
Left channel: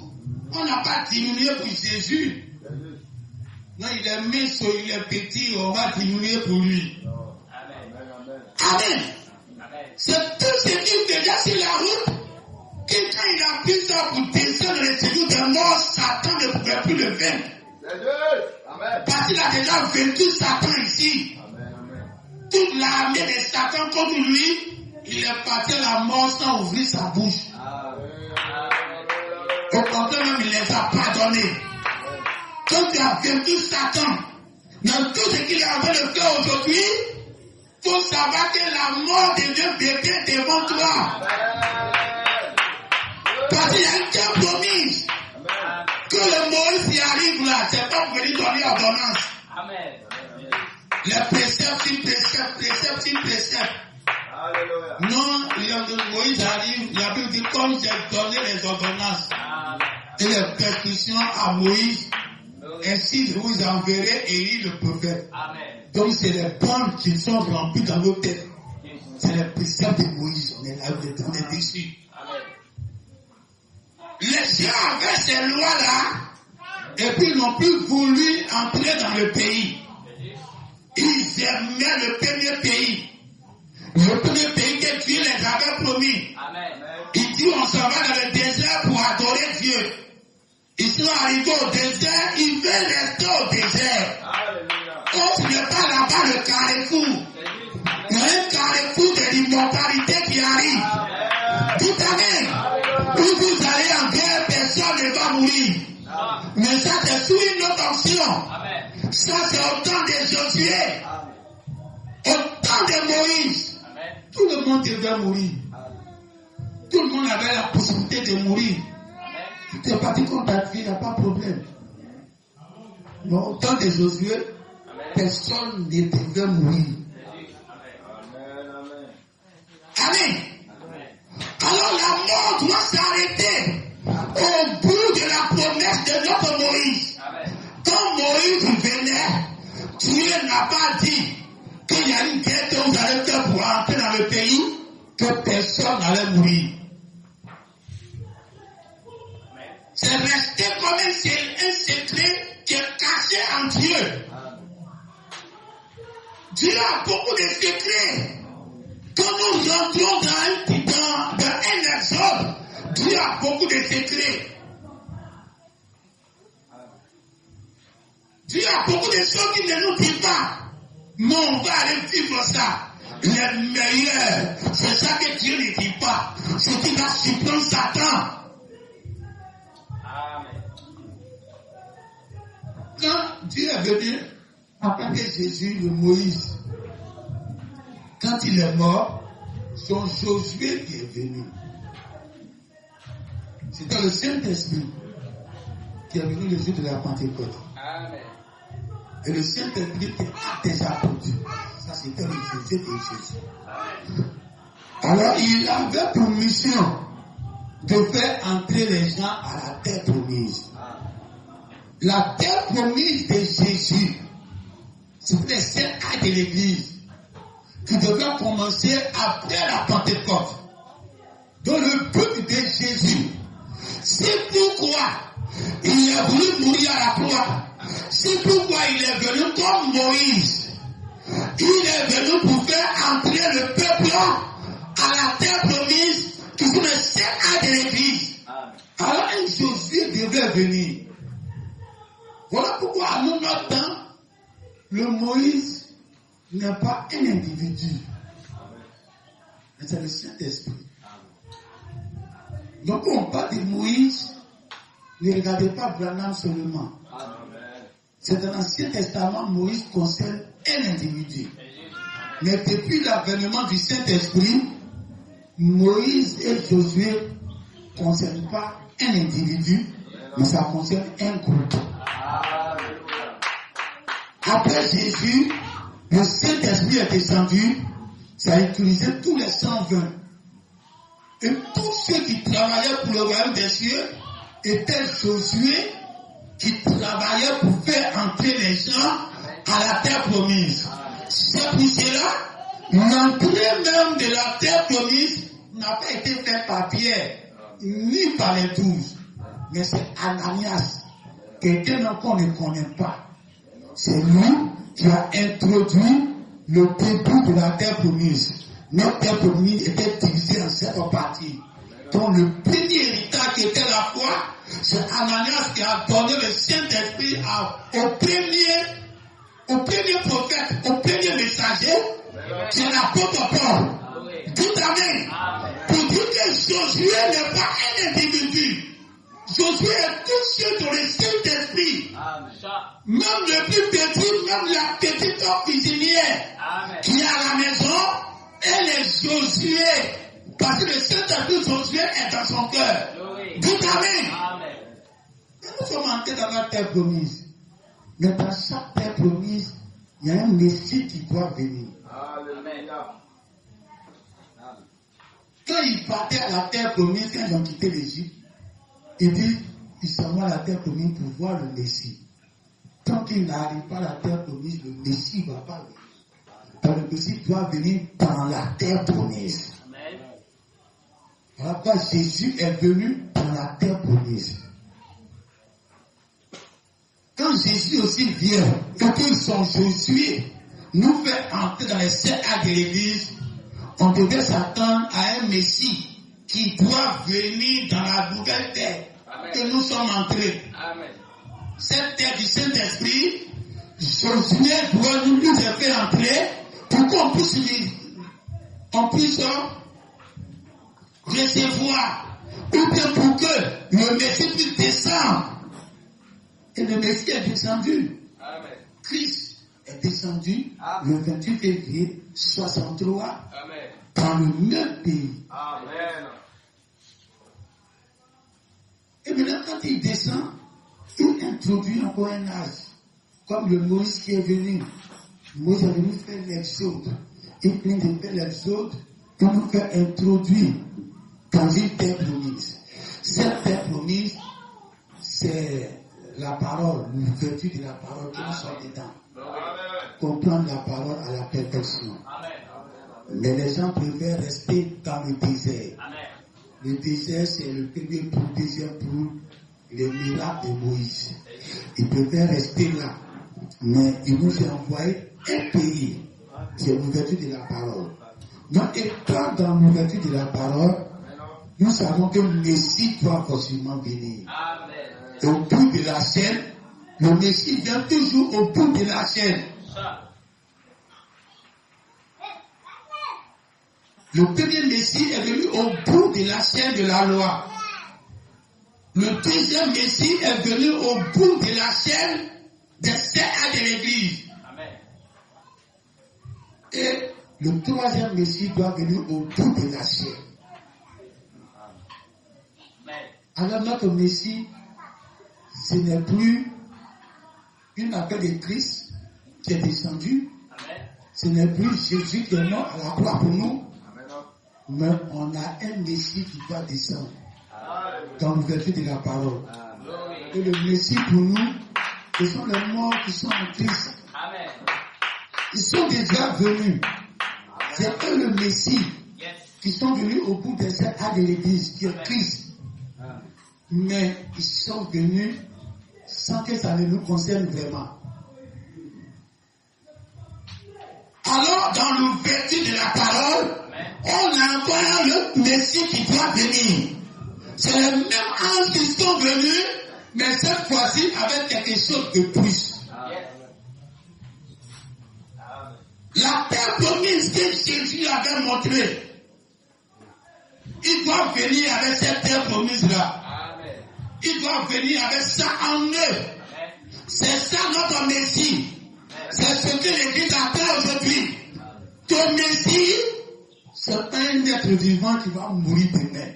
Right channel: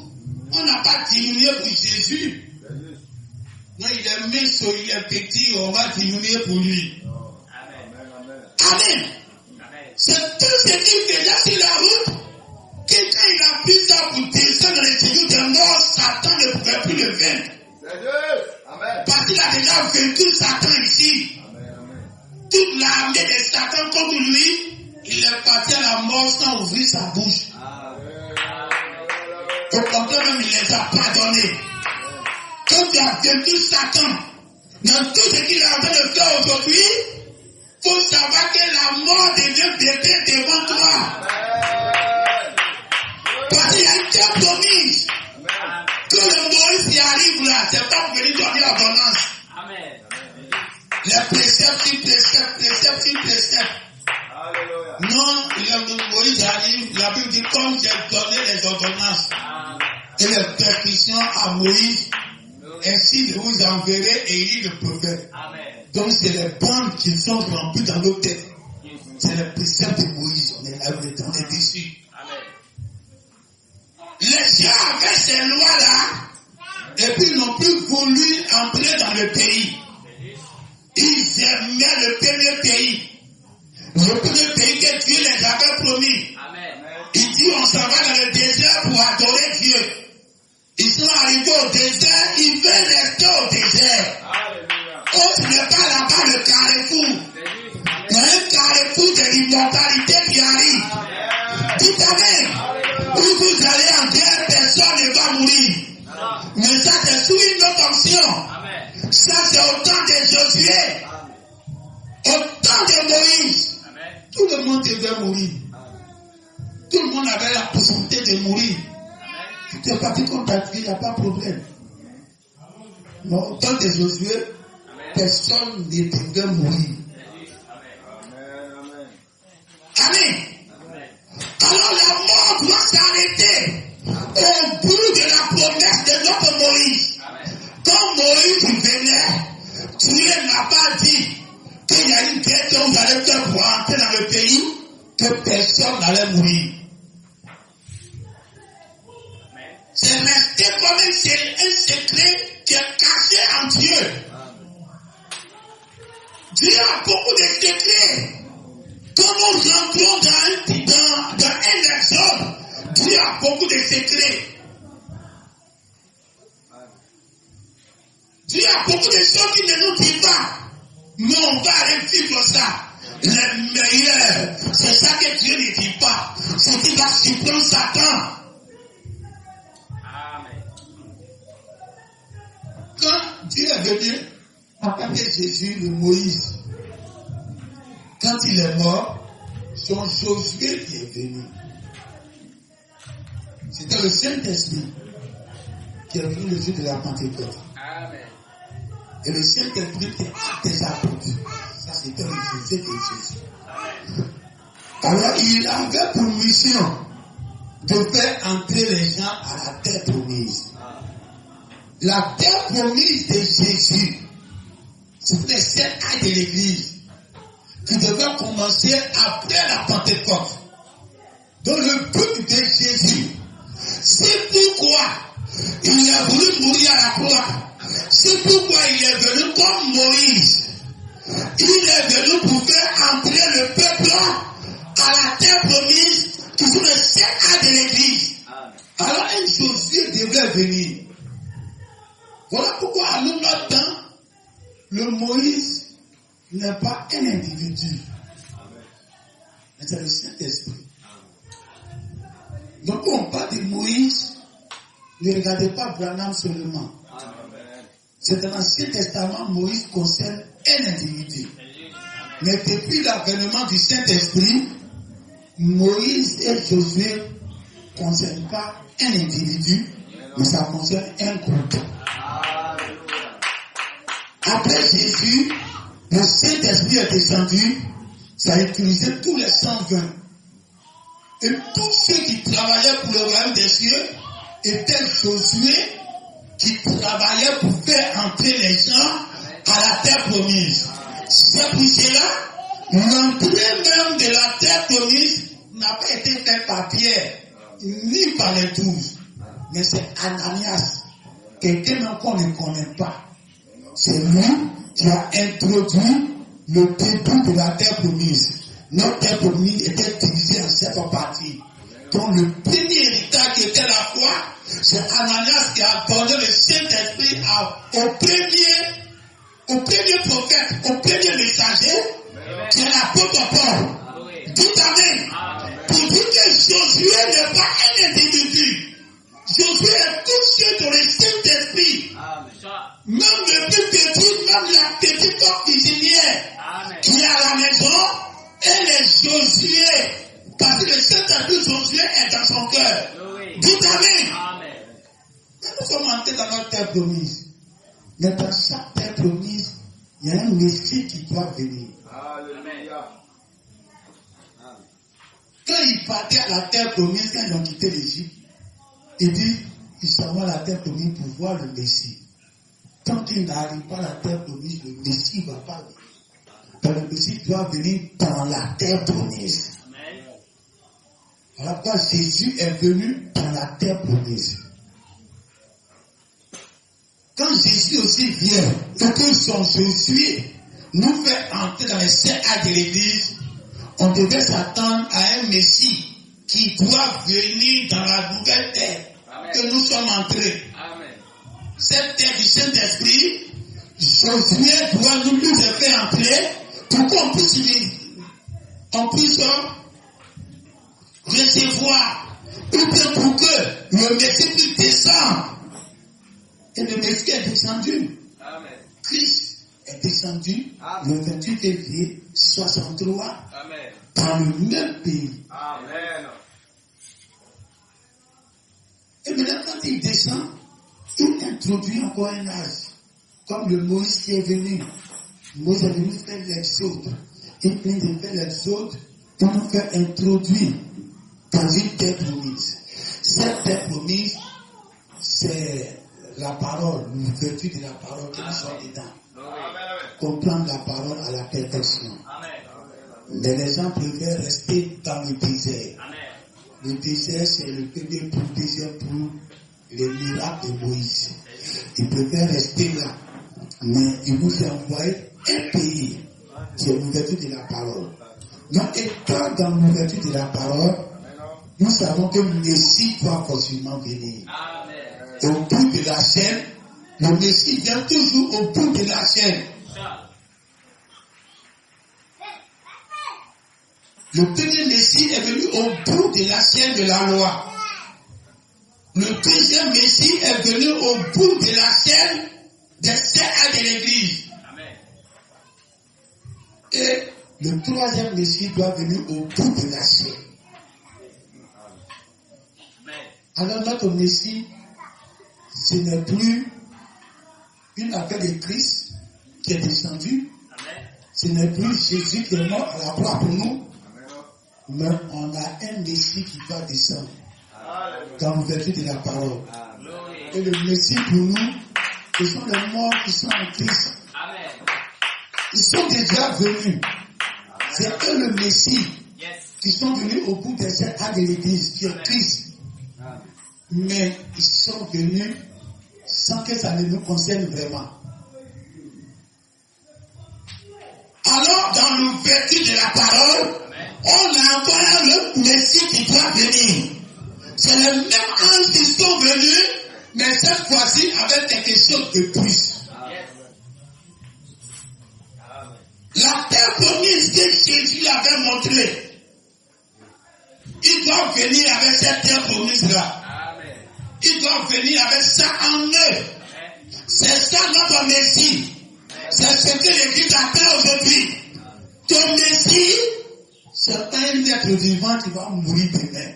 On n'a pas diminué pour Jésus. Non, il est mince, il est petit, on va diminuer pour lui. Amen. C'est tout ce qu'il faisait sur la route. Que quand il a pris ça pour descendre les séjours de mort, Satan ne pouvait plus le vaincre. Amen. Parce qu'il a déjà vaincu Satan ici. Toute l'armée de Satan contre lui, il est parti à la mort sans ouvrir sa bouche. Au contraire, même il les a pardonnés. Quand tu as vaincu Satan, dans tout ce qu'il est en train de faire aujourd'hui, il faut savoir que la mort devient bébé devant toi. Parce qu'il y a une telle promise que le Moïse y arrive là, c'est pas pour venir donner ordonnance. Les préceptes. Non, le Moïse arrive, la Bible dit comme j'ai donné les ordonnances et les prescriptions à Moïse, ainsi je vous enverrai Élie le prophète. Donc c'est les bandes qui sont remplies dans nos têtes. C'est les préceptes de Moïse, on est dessus. Les gens avaient ces lois-là, et puis ils n'ont plus voulu entrer dans le pays. Ils aimaient le premier pays. Le premier pays que Dieu les avait promis. Il dit on s'en va dans le désert pour adorer Dieu. Ils sont arrivés au désert, ils veulent rester au désert. Oh, ce n'est pas là-bas le carrefour. Il y a un carrefour de l'immortalité qui arrive. Dites Amen. Où vous allez en guerre, personne ne va mourir. Mais ça, c'est sous une autre option. Ça, c'est au temps de Josué. Au temps de Moïse. Tout le monde devait mourir. Tout le monde avait la possibilité de mourir. Tu es parti contre ta vie, il n'y a pas de problème. Mais au temps de Josué, personne ne devait mourir. Amen. Alors la mort doit s'arrêter au bout de la promesse de notre Moïse. Quand Moïse venait, Dieu n'a pas dit qu'il y a une guerre que vous allez faire pour entrer dans le pays, que personne n'allait mourir. C'est resté comme un secret qui est caché en Dieu. Dieu a beaucoup de secrets. Quand nous rentrons dans un exode, Dieu a beaucoup de secrets. Dieu a beaucoup de choses qui ne nous dit pas. Mais on va aller vivre ça. Les meilleurs, c'est ça que Dieu ne dit pas. C'est qu'il va surprendre Satan. Quand Dieu est venu, après Jésus, le Moïse, quand il est mort, c'est Josué qui est venu. C'était le Saint-Esprit qui est venu le jour de la Pentecôte. Et le Saint-Esprit était à des apôtres. Ça, c'était le Jésus de Jésus. Alors, il avait pour mission de faire entrer les gens à la terre promise. La terre promise de Jésus, c'était les 7 actes de l'Église qui devaient commencer après la Pentecôte. Donc le but de Jésus, c'est pourquoi il est voulu mourir à la croix. C'est pourquoi il est venu comme Moïse. Il est venu pour faire entrer le peuple à la terre promise qui sont les 7 actes de l'Église. Alors un Josué devait venir. Voilà pourquoi à notre temps, le Moïse n'est pas un individu. Mais c'est le Saint-Esprit. Donc on parle de Moïse, ne regardez pas Branham seulement. C'est dans l'Ancien Testament, Moïse concerne un individu. Mais depuis l'avènement du Saint-Esprit, Moïse et Josué ne concernent pas un individu, mais ça concerne un groupe. Après Jésus, le Saint-Esprit est descendu, ça a utilisé tous les 120. Et tous ceux qui travaillaient pour le royaume des cieux étaient Josué qui travaillaient pour faire entrer les gens à la terre promise. C'est pour cela, l'entrée même de la terre promise n'a pas été faite par Pierre, ni par les 12. Mais c'est Ananias, quelqu'un qu'on ne connaît pas. C'est lui qui a introduit le début de la terre promise. Notre terre promise était divisée en 7 parties. Donc le premier héritage qui était la foi, c'est Ananias qui a donné le Saint-Esprit au premier prophète, au premier messager, qui est l'apôtre Paul. Tout amen. Pour dire que Josué n'est pas un individu. Josué est touché dans le Saint-Esprit. Même le plus petit, même la petite cuisinière qui est à la maison, elle est Josué. Parce que le Saint-Esprit Josué est dans son cœur. Tout amen. Nous sommes entrés dans la terre promise. Mais dans chaque terre promise, il y a un Messie qui doit venir. Alléluia. Quand ils partaient à la terre promise, quand ils ont quitté l'Égypte, ils disent, ils s'en vont à la terre promise pour voir le Messie. Tant qu'il n'arrive pas à la terre promise, le Messie ne va pas venir. Donc le Messie doit venir dans la terre promise. Alors quand Jésus est venu dans la terre promise. Quand Jésus aussi vient, et que son Josué nous fait entrer dans les 7 actes de l'Église, on devait s'attendre à un Messie qui doit venir dans la nouvelle terre que nous sommes entrés. Cette terre du Saint-Esprit, Josué doit nous faire entrer pour qu'on puisse recevoir ou bien pour que le Messie puisse descendre. Et le Messie est descendu. Amen. Christ est descendu le 28 février 63 Amen. dans le même pays. Amen. Et maintenant, quand il descend, il introduit encore un âge. Comme le Moïse qui est venu. Moïse est venu faire l'exode. Il vient de faire l'exode pour nous faire introduire dans une terre promise. Cette terre promise, c'est la parole, l'ouverture de la parole qui nous sort dedans. Comprendre la parole à la perfection. Mais les gens préfèrent rester dans le désert. Le désert, c'est le premier pour, deuxième pour les miracles de Moïse. Ils préfèrent rester là. Mais il nous a envoyé un pays qui est l'ouverture de la parole. Donc, étant dans l'ouverture de la parole, nous savons que le Messie doit forcément venir. Et au bout de la chaîne, le Messie vient toujours au bout de la chaîne. Le premier Messie est venu au bout de la chaîne de la loi. Le deuxième Messie est venu au bout de la chaîne des sept de l'Église. Et le troisième Messie doit venir au bout de la chaîne. Alors notre Messie, ce n'est plus une affaire de Christ qui est descendu. Ce n'est plus Jésus qui est mort à la croix pour nous. Mais on a un Messie qui doit descendre dans l'ouverture de la parole. Et le Messie pour nous, ce sont les morts qui sont en Christ. Ils sont déjà venus. C'est eux le Messie qui sont venus au bout des 7 ans de l'Église, qui est Christ. Mais ils sont venus sans que ça ne nous concerne vraiment. Alors, dans l'ouverture de la parole, on a encore le Messie qui doit venir. C'est les mêmes anges qui sont venus, mais cette fois-ci avec quelque chose de plus. La terre promise que Jésus avait montrée, il doit venir avec cette terre promise-là. Il doit venir avec ça en eux. C'est ça notre Messie. C'est ce que l'Église appelle aujourd'hui. Ton Messie, c'est pas un être vivant qui va mourir demain.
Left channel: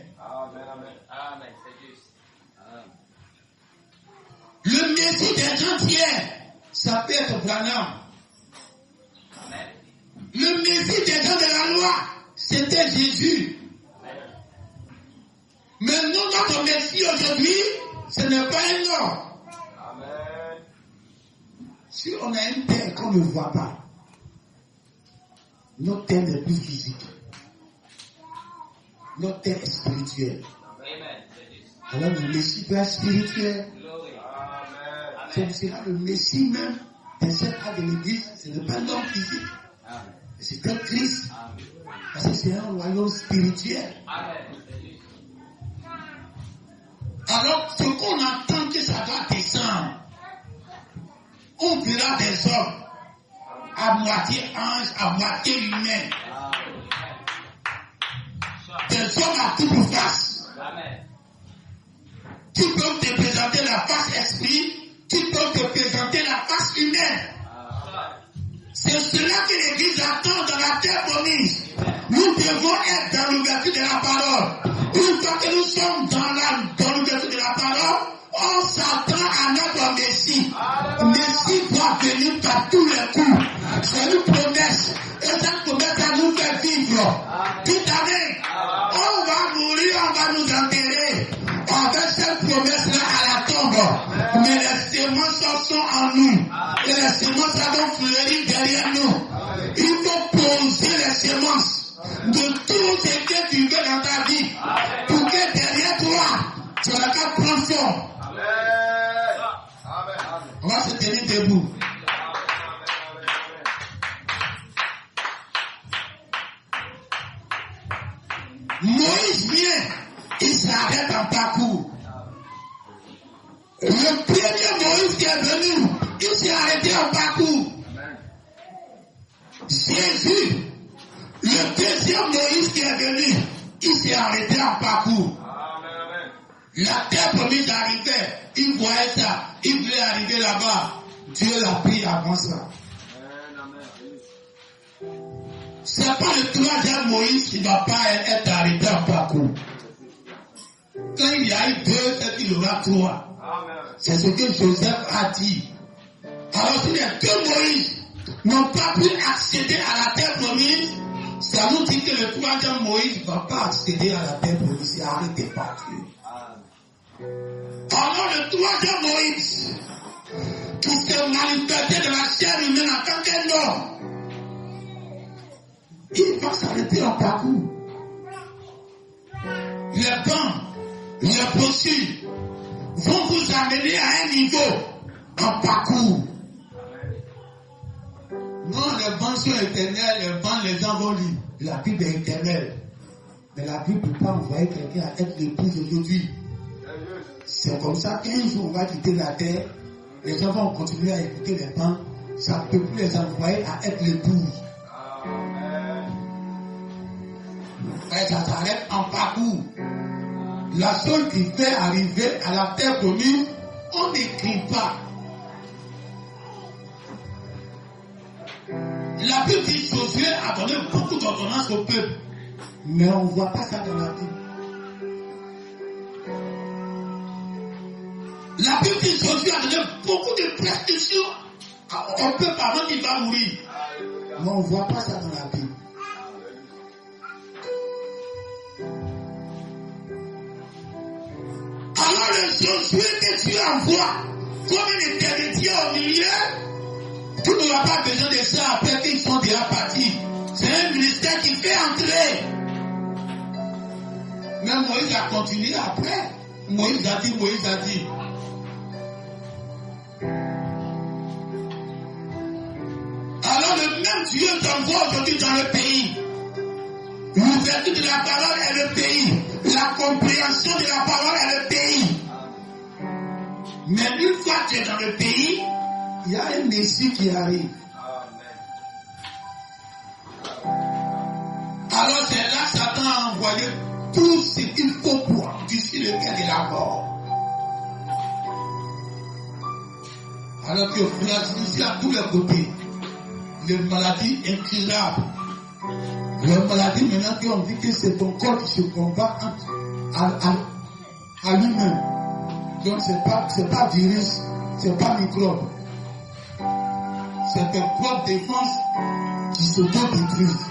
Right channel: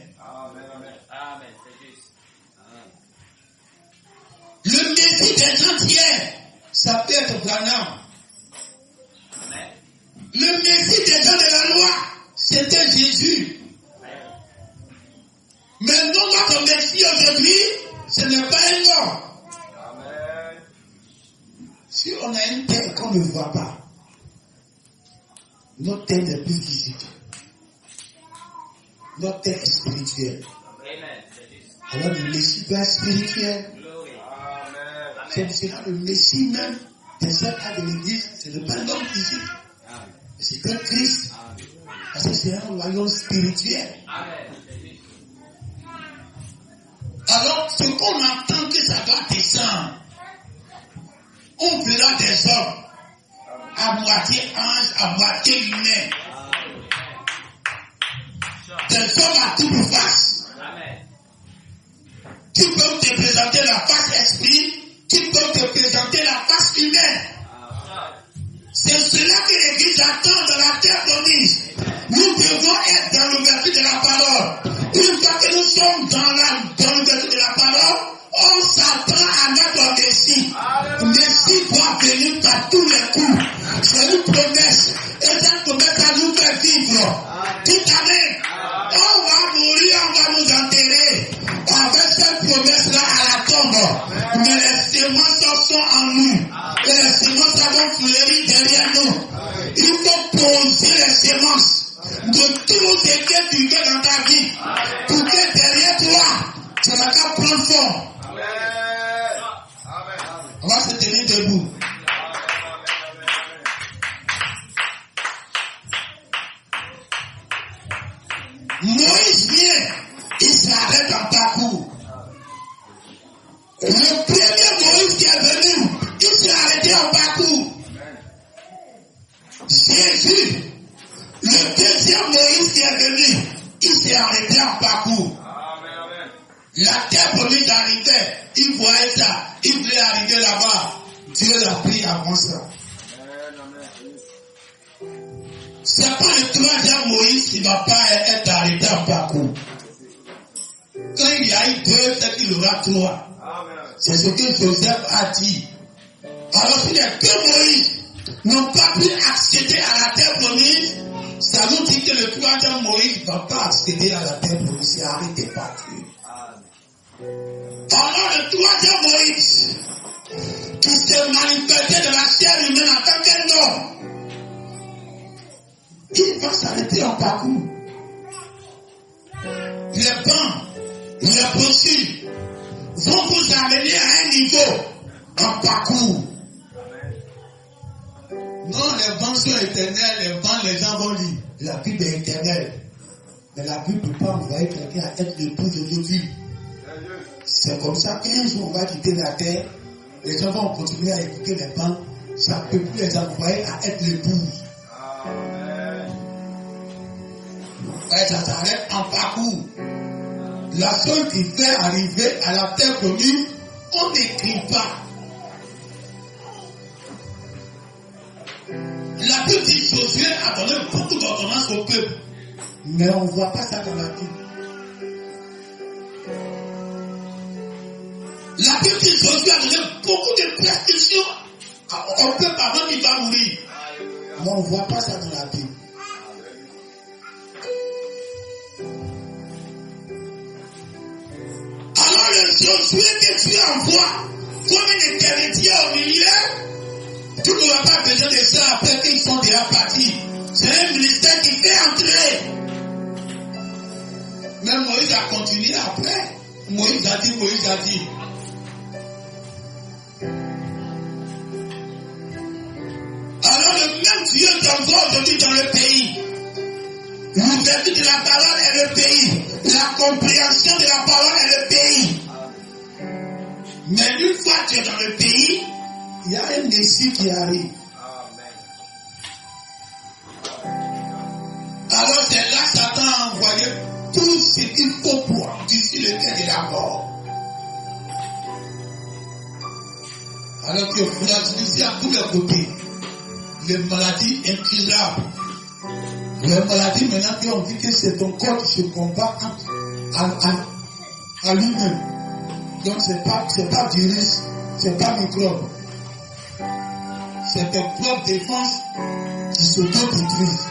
Le Messie des gens d'hier, ça peut être Branham. Le Messie des gens de la loi, c'était Jésus. Mais nous, notre Messie aujourd'hui, ce n'est pas un homme. Si on a une terre qu'on ne voit pas, notre terre n'est plus physique. Notre terre est spirituelle. Alors le Messie doit être spirituel. C'est cela le Messie même de cette âge de l'Église, ce n'est pas un homme physique. C'est que Christ. Parce que c'est un royaume spirituel. Alors, ce qu'on entend que ça doit descendre, on verra des hommes à moitié ange, à moitié humain. Des hommes à double face. Qui peuvent te présenter la face esprit, qui peuvent te présenter la face humaine. C'est cela que l'Église attend dans la terre promise. Nous devons être dans l'ouverture de la parole. Une fois que nous sommes dans l'ouverture de la parole, on s'attend à notre Messie. Messie doit venir par tous les coups. C'est une promesse. Et cette promesse, ça nous fait vivre. Toute année, on va mourir, on va nous enterrer. Avec cette promesse-là à la tombe. Mais les semences sont en nous. Et les semences vont fleurir derrière nous. Il faut poser les semences de tout ce que tu veux dans ta vie pour que derrière toi, tu n'as qu'à prendre forme. On va se tenir debout. Moïse vient, il s'arrête en parcours. Le premier Moïse qui est venu, il s'est arrêté en parcours. Jésus, le deuxième Moïse qui est venu, il s'est arrêté en parcours. La terre promise arrivait. Il voyait ça. Il voulait arriver là-bas. Dieu l'a pris avant ça. C'est pas le troisième Moïse qui ne va pas être arrêté en parcours. Quand il y a eu deux, c'est qu'il y aura trois. C'est ce que Joseph a dit. Alors si les deux Moïse n'ont pas pu accéder à la terre promise, ça nous dit que le troisième Moïse ne va pas accéder à la terre promise. C'est arrêté par Dieu. Alors le troisième Moïse, qui s'est manifesté de la chair humaine en tant qu'un homme, il va s'arrêter en parcours. Les bancs, les procès vont vous amener à un niveau en parcours. Non, les bancs sont éternels, les bancs, les gens vont lire. La Bible est éternelle. Mais la Bible ne peut pas envoyer quelqu'un à être l'épouse aujourd'hui. C'est comme ça qu'un jour on va quitter la terre, les gens vont continuer à écouter les bancs. Ça ne peut plus les envoyer à être l'épouse. Et ça s'arrête en parcours. La chose qui fait arriver à la terre promise, on n'écrit pas. La Bible dit que Josué a donné beaucoup d'ordonnances au peuple. Mais on ne voit pas ça dans la Bible. La Bible dit que Josué a donné beaucoup de prescriptions au peuple avant qu'il va mourir. Mais on ne voit pas ça dans la Bible. Alors le Josué que Dieu envoie comme une éternité au milieu, tu n'auras pas besoin de ça après qu'ils sont déjà partis. C'est un ministère qui fait entrer. Mais Moïse a continué après. Moïse a dit. Alors le même Dieu t'envoie aujourd'hui dans le pays. L'ouverture de la parole est le pays. La compréhension de la parole est le pays. Mais une fois que tu es dans le pays, il y a un Messie qui arrive. Alors c'est là que Satan a envoyé tout ce qu'il faut pour d'ici lequel il a mort. Alors que fragiliser à tous les côtés, les maladies incurables. Les maladies maintenant qui ont dit que c'est ton corps qui se combat à lui-même. Donc c'est pas virus, c'est pas microbe. C'est tes propres défenses qui s'auto-détruisent.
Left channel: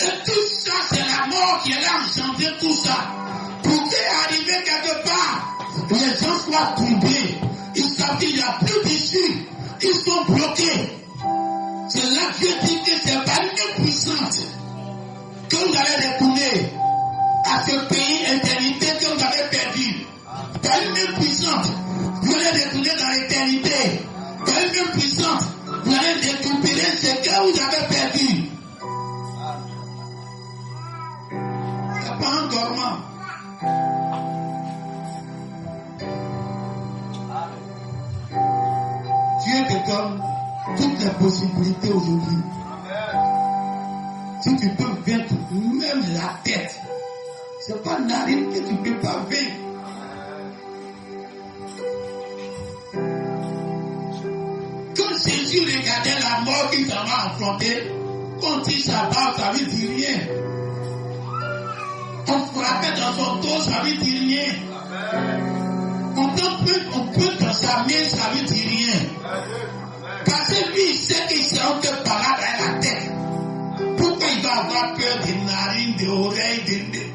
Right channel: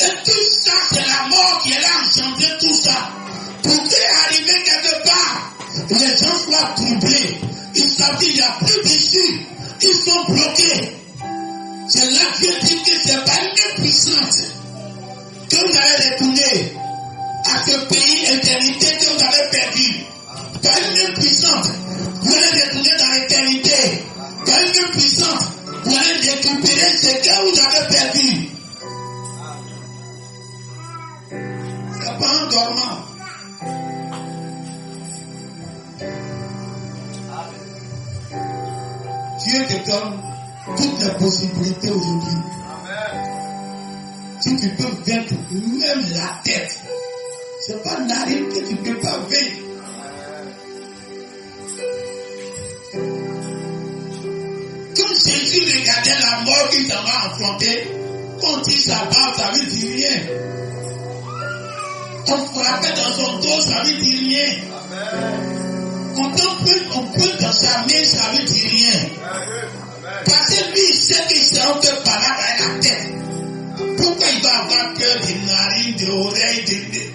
Et tout ça, c'est la mort qui est là engendré tout ça. Pour qu'arriver quelque part, les gens soient troublés. Ils savent qu'il n'y a plus d'issue. Ils sont bloqués. C'est là que Dieu dit que c'est pas une puissance que vous allez retourner à ce pays éternité que vous avez perdu. Pas une puissance. Vous allez retourner dans l'éternité. Pas une puissance. Vous allez récupérer ce que vous avez perdu. C'est pas un dormant. Dieu te donne toutes les possibilités aujourd'hui. Si tu peux vaincre même la tête, c'est pas narine que tu ne peux pas vaincre. Quand Jésus regardait la mort qu'il s'en va affronter, quand il s'abat, ça ne veut dire rien. On frappait dans son dos, ça ne veut dire rien. On peut dans sa main, ça ne veut dire rien. Parce que lui, il sait qu'il s'est un peu malade à la tête. Pourquoi il va avoir peur des narines, des oreilles, des nez?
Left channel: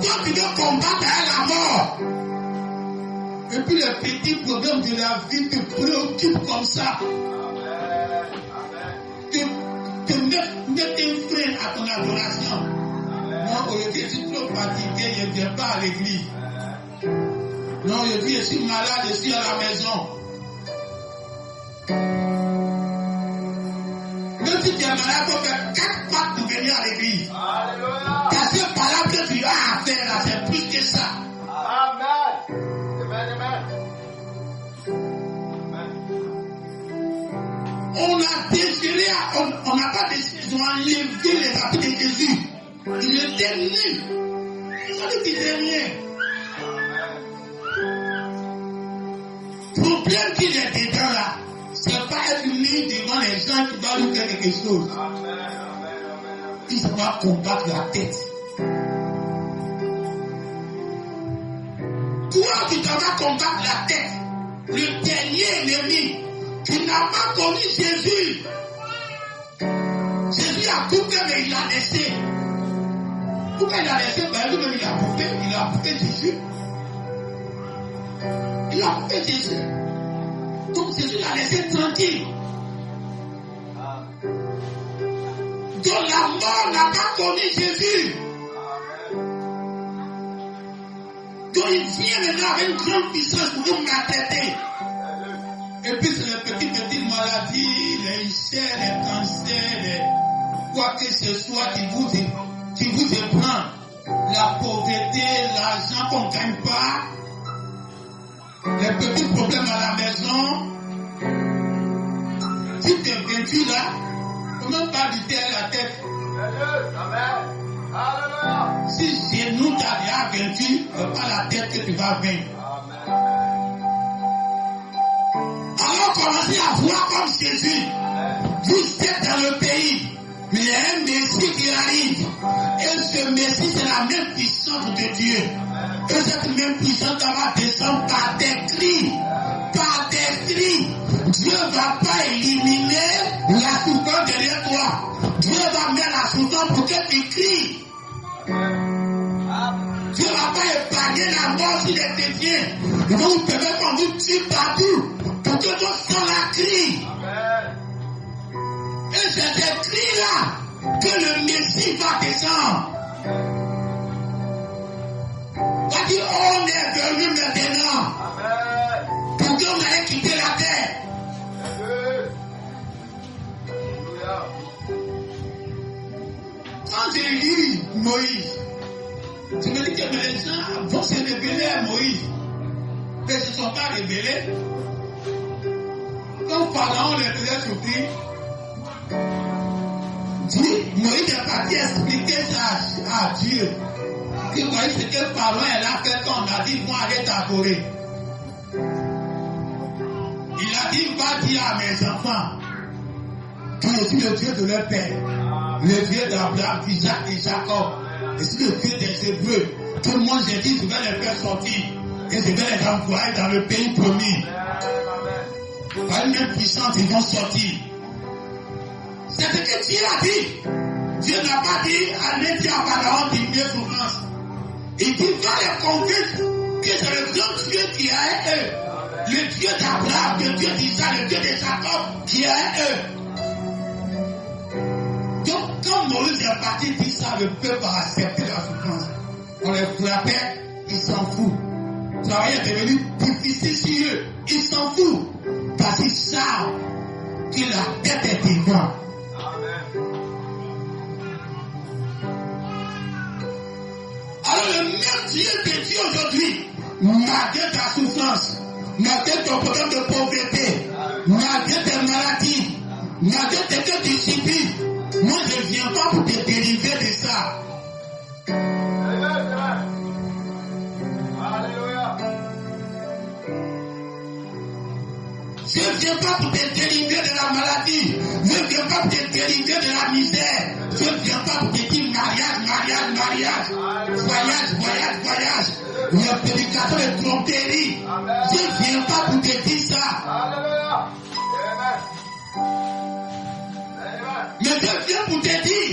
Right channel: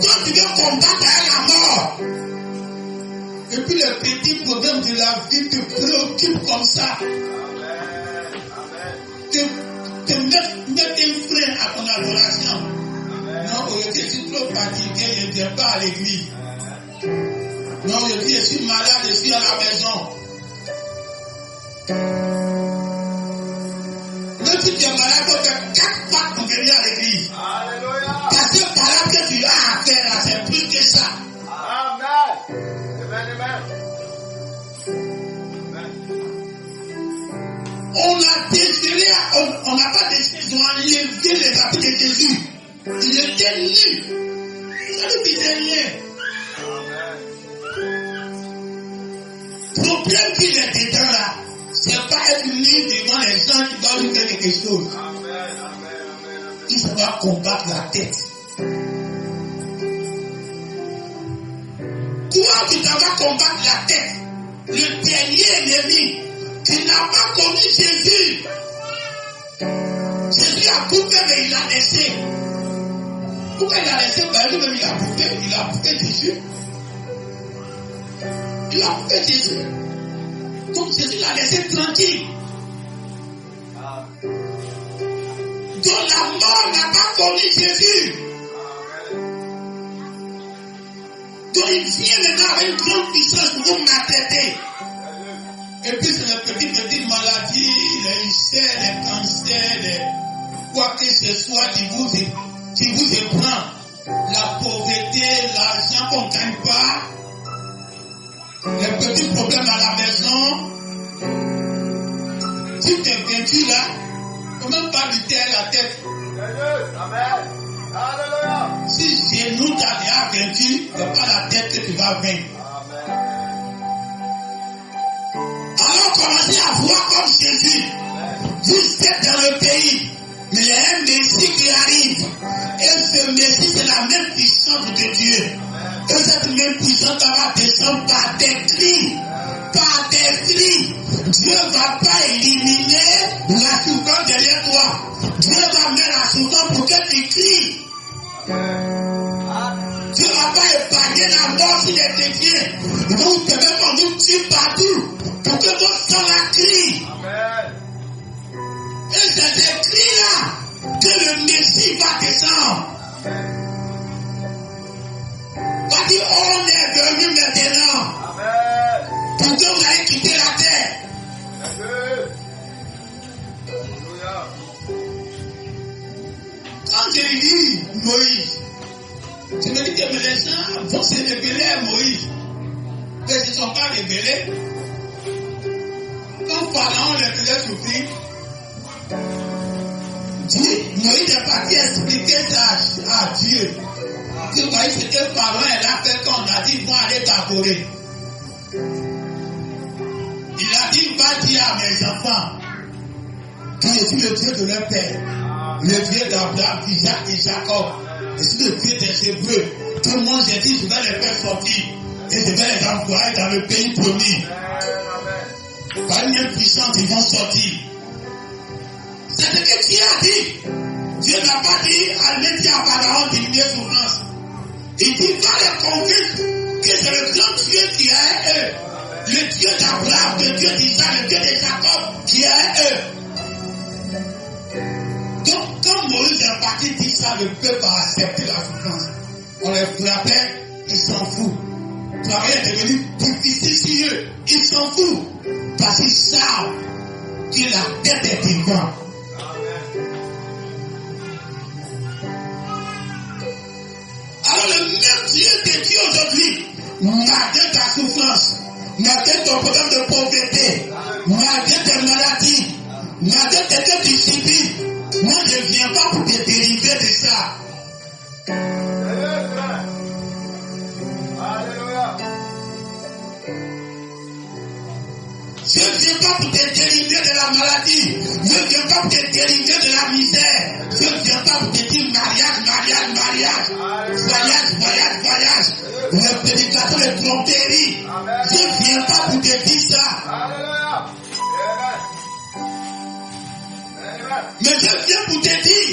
Quand tu veux combattre à la mort, et puis les petits problèmes de la vie te préoccupent comme ça. Te mettre un frein à ton adoration. Non, aujourd'hui, je suis trop fatigué, je ne viens pas à l'église. Non, je dis, je suis malade, je suis à la maison. Même si tu es malade, tu peux faire 4 fois pour venir à l'église. Alléluia. Parce que par là que tu as à faire, là, c'est plus que ça. Amen. Amen. On on a désiré, on n'a pas désiré enlever les habits de Jésus. Il était nu. Ça ne disait rien. Le problème qu'il est dedans là, c'est pas être nu devant les gens qui doivent lui faire quelque chose. Il va combattre la tête. Toi qui dois combattre la tête, le dernier ennemi qui n'a pas connu Jésus. Jésus a bouffé, mais il a laissé. Pourquoi il a laissé? Lui-même il a bouffé Jésus. Il a bouffé Jésus. Donc Jésus l'a laissé tranquille. Donc la mort n'a pas connu Jésus. Donc il vient maintenant avec une grande puissance pour vous maltraiter. Et puis c'est les petites maladies, les ulcères, les cancers, quoi que ce soit qui vous éprend. La pauvreté, l'argent qu'on ne gagne pas, les petits problèmes à la maison. Si tu es vaincu là, il ne faut même pas lutter la tête. Amen. Alléluia. Si genou t'a déjà vaincu, ce n'est pas la tête que tu vas vaincre. Alors commencez à voir comme Jésus. Vous êtes dans le pays, mais il y a un Messie qui arrive. Et ce Messie, c'est la même puissance de Dieu. Et cette même puissance va descendre par des cris. Par des cris. Dieu ne va pas éliminer la souffrance derrière toi. Dieu va mettre la souffrance pour que tu cries. Dieu ne va pas épargner la mort s'il est dédié. Il va vous permettre qu'on vous tue partout. Pour que vos sang la crie. Et c'est ces cris-là que le Messie va descendre. Va dire, on est venu maintenant. Pour que vous allez quitter la terre. Quand j'ai lu Moïse, je me dis que les gens vont se révéler à Moïse. Mais ils ne sont pas révélés. Quand Pharaon les faisait souffrir, Moïse est parti expliquer ça à Dieu. Vous voyez ce que Pharaon a fait quand on a dit vont aller t'adorer. Il a dit va dire à mes enfants que je suis le Dieu de leur père, le Dieu d'Abraham, d'Isaac et Jacob. Je suis le Dieu des Hébreux. Tout le monde, j'ai dit je vais les faire sortir et je vais les envoyer dans le pays promis. Par une même puissance, ils vont sortir. C'est ce que Dieu a dit. Dieu n'a pas dit, allez dire à Pharaon diminuer souffrance. Il dit, va les convaincre que c'est le grand Dieu qui est à eux. Le Dieu d'Abraham, le Dieu d'Isaac, le Dieu de Jacob qui est à eux. Donc, quand Moïse est parti dire ça, le peuple a accepté la souffrance. On les frappait, ils s'en foutent. Le travail est devenu difficile sur eux. Ils s'en foutent. Parce qu'ils savent que la tête est devant. Alors le même Dieu de Dieu aujourd'hui, malgré ta souffrance, malgré ton problème de pauvreté, malgré tes maladies, malgré tes que tu subis, moi je ne viens pas pour te dériver de ça. Je ne viens pas pour te dériver de la maladie. Je ne viens pas pour te dériver de la misère. Je ne viens pas pour te dire mariage. Voyage. Le prédicateur de tromperie. Je ne viens pas pour te dire ça. Mais je viens pour te dire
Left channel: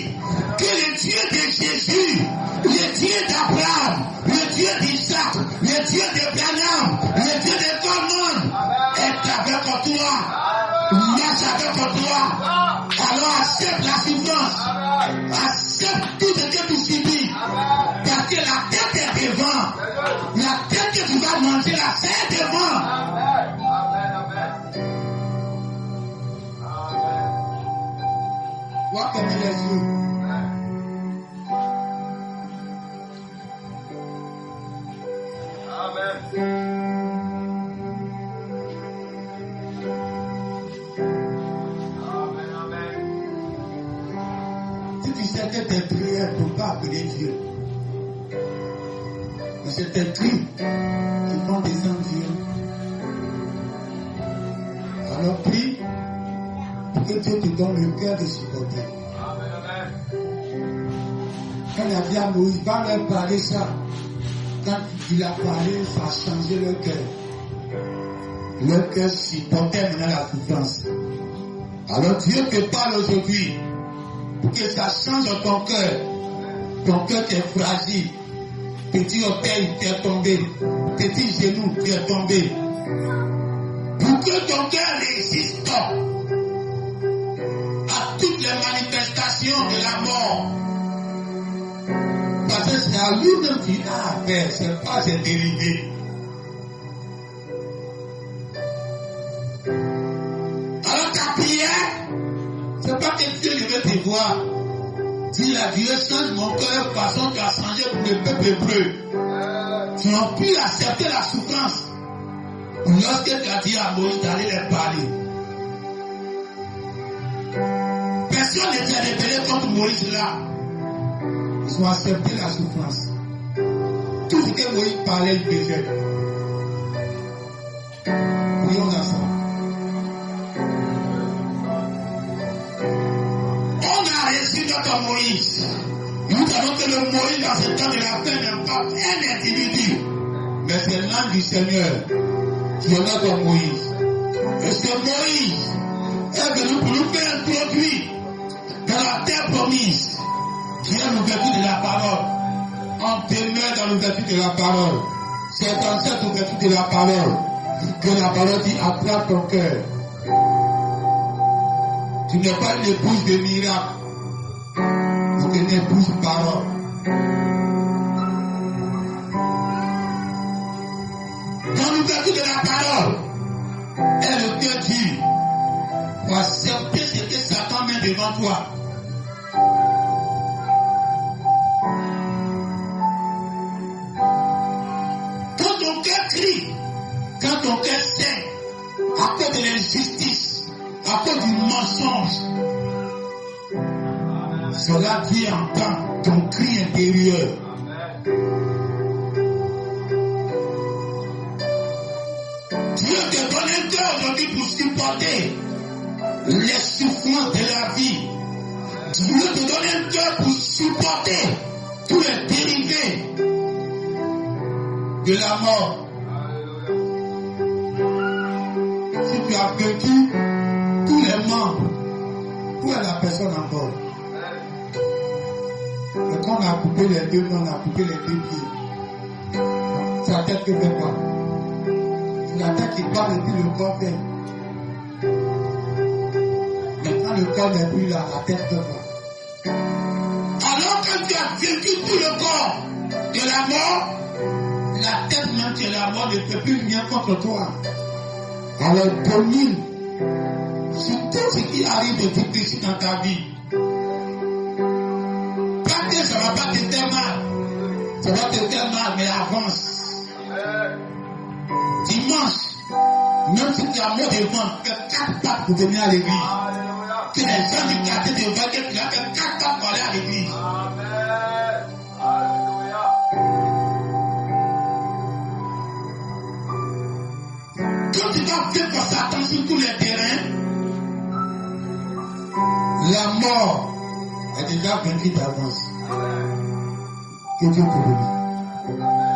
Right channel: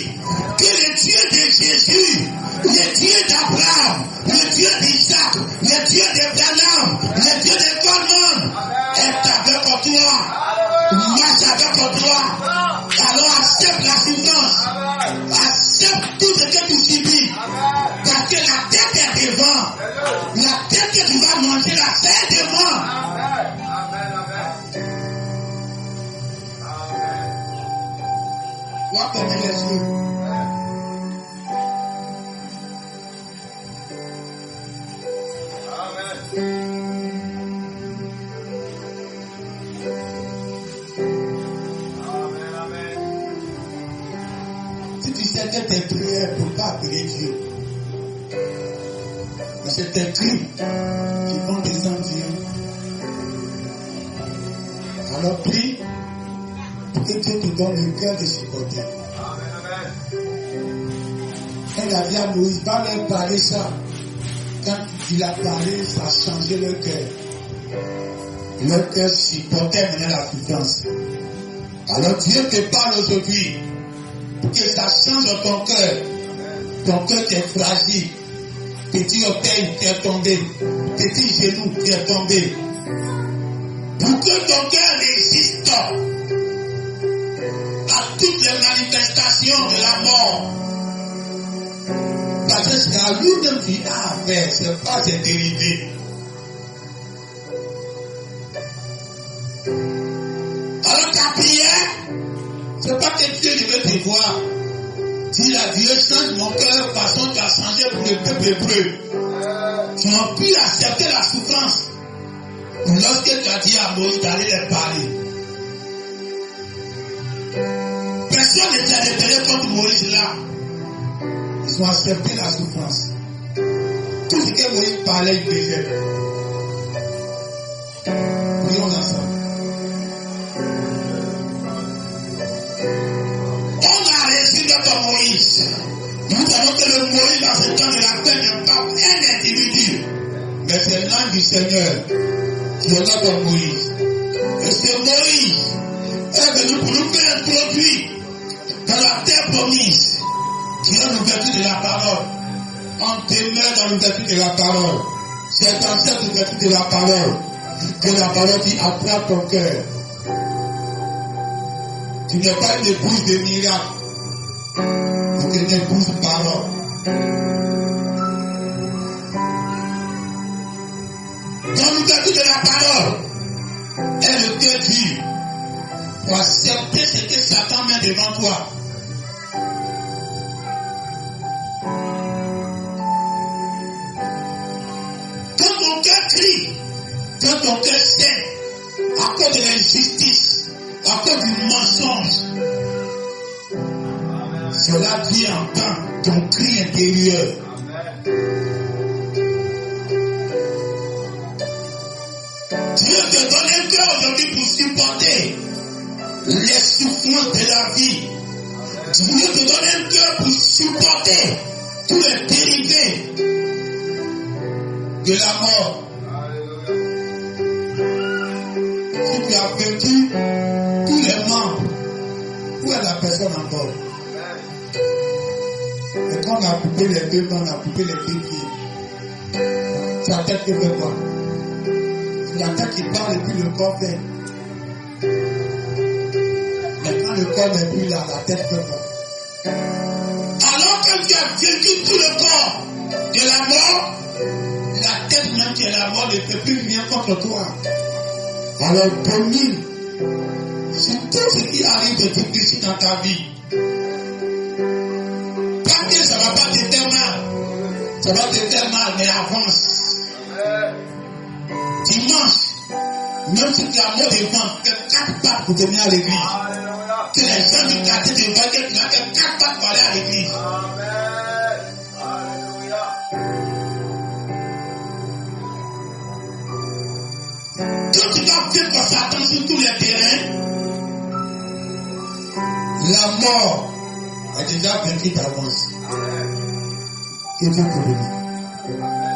que le Dieu de Jésus, le Dieu d'Abraham, le Dieu d'Isaac, le Dieu d'Abraham, le Dieu de Goldman est avec toi. Marche avec toi. Alors accepte la souffrance. Accepte tout ce que tu subis. Parce que la tête est devant. La tête que tu vas manger, là, c'est devant. On va fermer les yeux. Dieu. Mais c'est tes crimes qui vont descendre Dieu. Alors prie pour que Dieu te donne le cœur de supporter. Quand il a dit à Moïse, va leur parler ça. Quand il a parlé, ça a changé leur cœur. Leur cœur supportait maintenant la souffrance. Alors Dieu te parle aujourd'hui pour que ça change dans ton cœur. Ton cœur qui est fragile. Petit orteil qui est tombé. Petit genou qui est tombé. Pour que ton cœur résiste à toutes les manifestations de la mort. Parce que c'est à lui-même qu'il a affaire, c'est pas ses dérivés. Alors ta prière, c'est pas que Dieu veut te voir. Dis à Dieu, change mon cœur façon tu as changé pour le peuple hébreu. Tu as pu accepter la souffrance. Lorsque tu as dit à Moïse d'aller les parler. Personne n'était rebellé contre Moïse là. Ils ont accepté la souffrance. Tout ce que Moïse parlait, il faisait. Prions ensemble. On a reçu notre Moïse. Nous savons que le Moïse dans ce temps de la paix n'est pas un individu. Mais c'est l'âme du Seigneur qui est notre Moïse. Et ce Moïse est venu pour nous faire introduire dans la terre promise. Qui est l'ouverture de la parole. On demeure dans l'ouverture de la parole. C'est dans cette ouverture de la parole que la parole dit attrape ton cœur. Tu n'es pas une épouse de miracle. Tu es une épouse de parole. Dans l'ouverture de la parole, est le cœur dur pour accepter ce que Satan met devant toi. Quand ton cœur saigne à cause de l'injustice, à cause du mensonge, cela Dieu entend ton cri intérieur. Dieu te donne un cœur aujourd'hui pour supporter les souffrances de la vie. Dieu te donne un cœur pour supporter tous les dérivés de la mort. Si tu as vaincu tous les membres, où est la personne encore? Et quand on a coupé les deux mains, on a coupé les deux pieds, c'est la tête qui fait quoi? C'est la tête qui parle et puis le corps fait. Mais quand le corps n'est plus là, la tête fait quoi? Alors que tu as vaincu tout le corps de la mort, la tête même qui est la mort ne peut plus venir contre toi. Alors domine sur tout ce qui arrive de difficile dans ta vie. Pas que ça ne va pas te faire mal. Ça va te faire mal, mais avance. Dimanche, même si tu as mot de vent, fais 4 pas pour venir à l'église. Que les gens du quartier te voient que tu as fait 4 pas pour aller à l'église. Quand tu vas vivre Satan sur tous les terrains, la mort a déjà vaincu d'avance. Que Dieu te bénisse.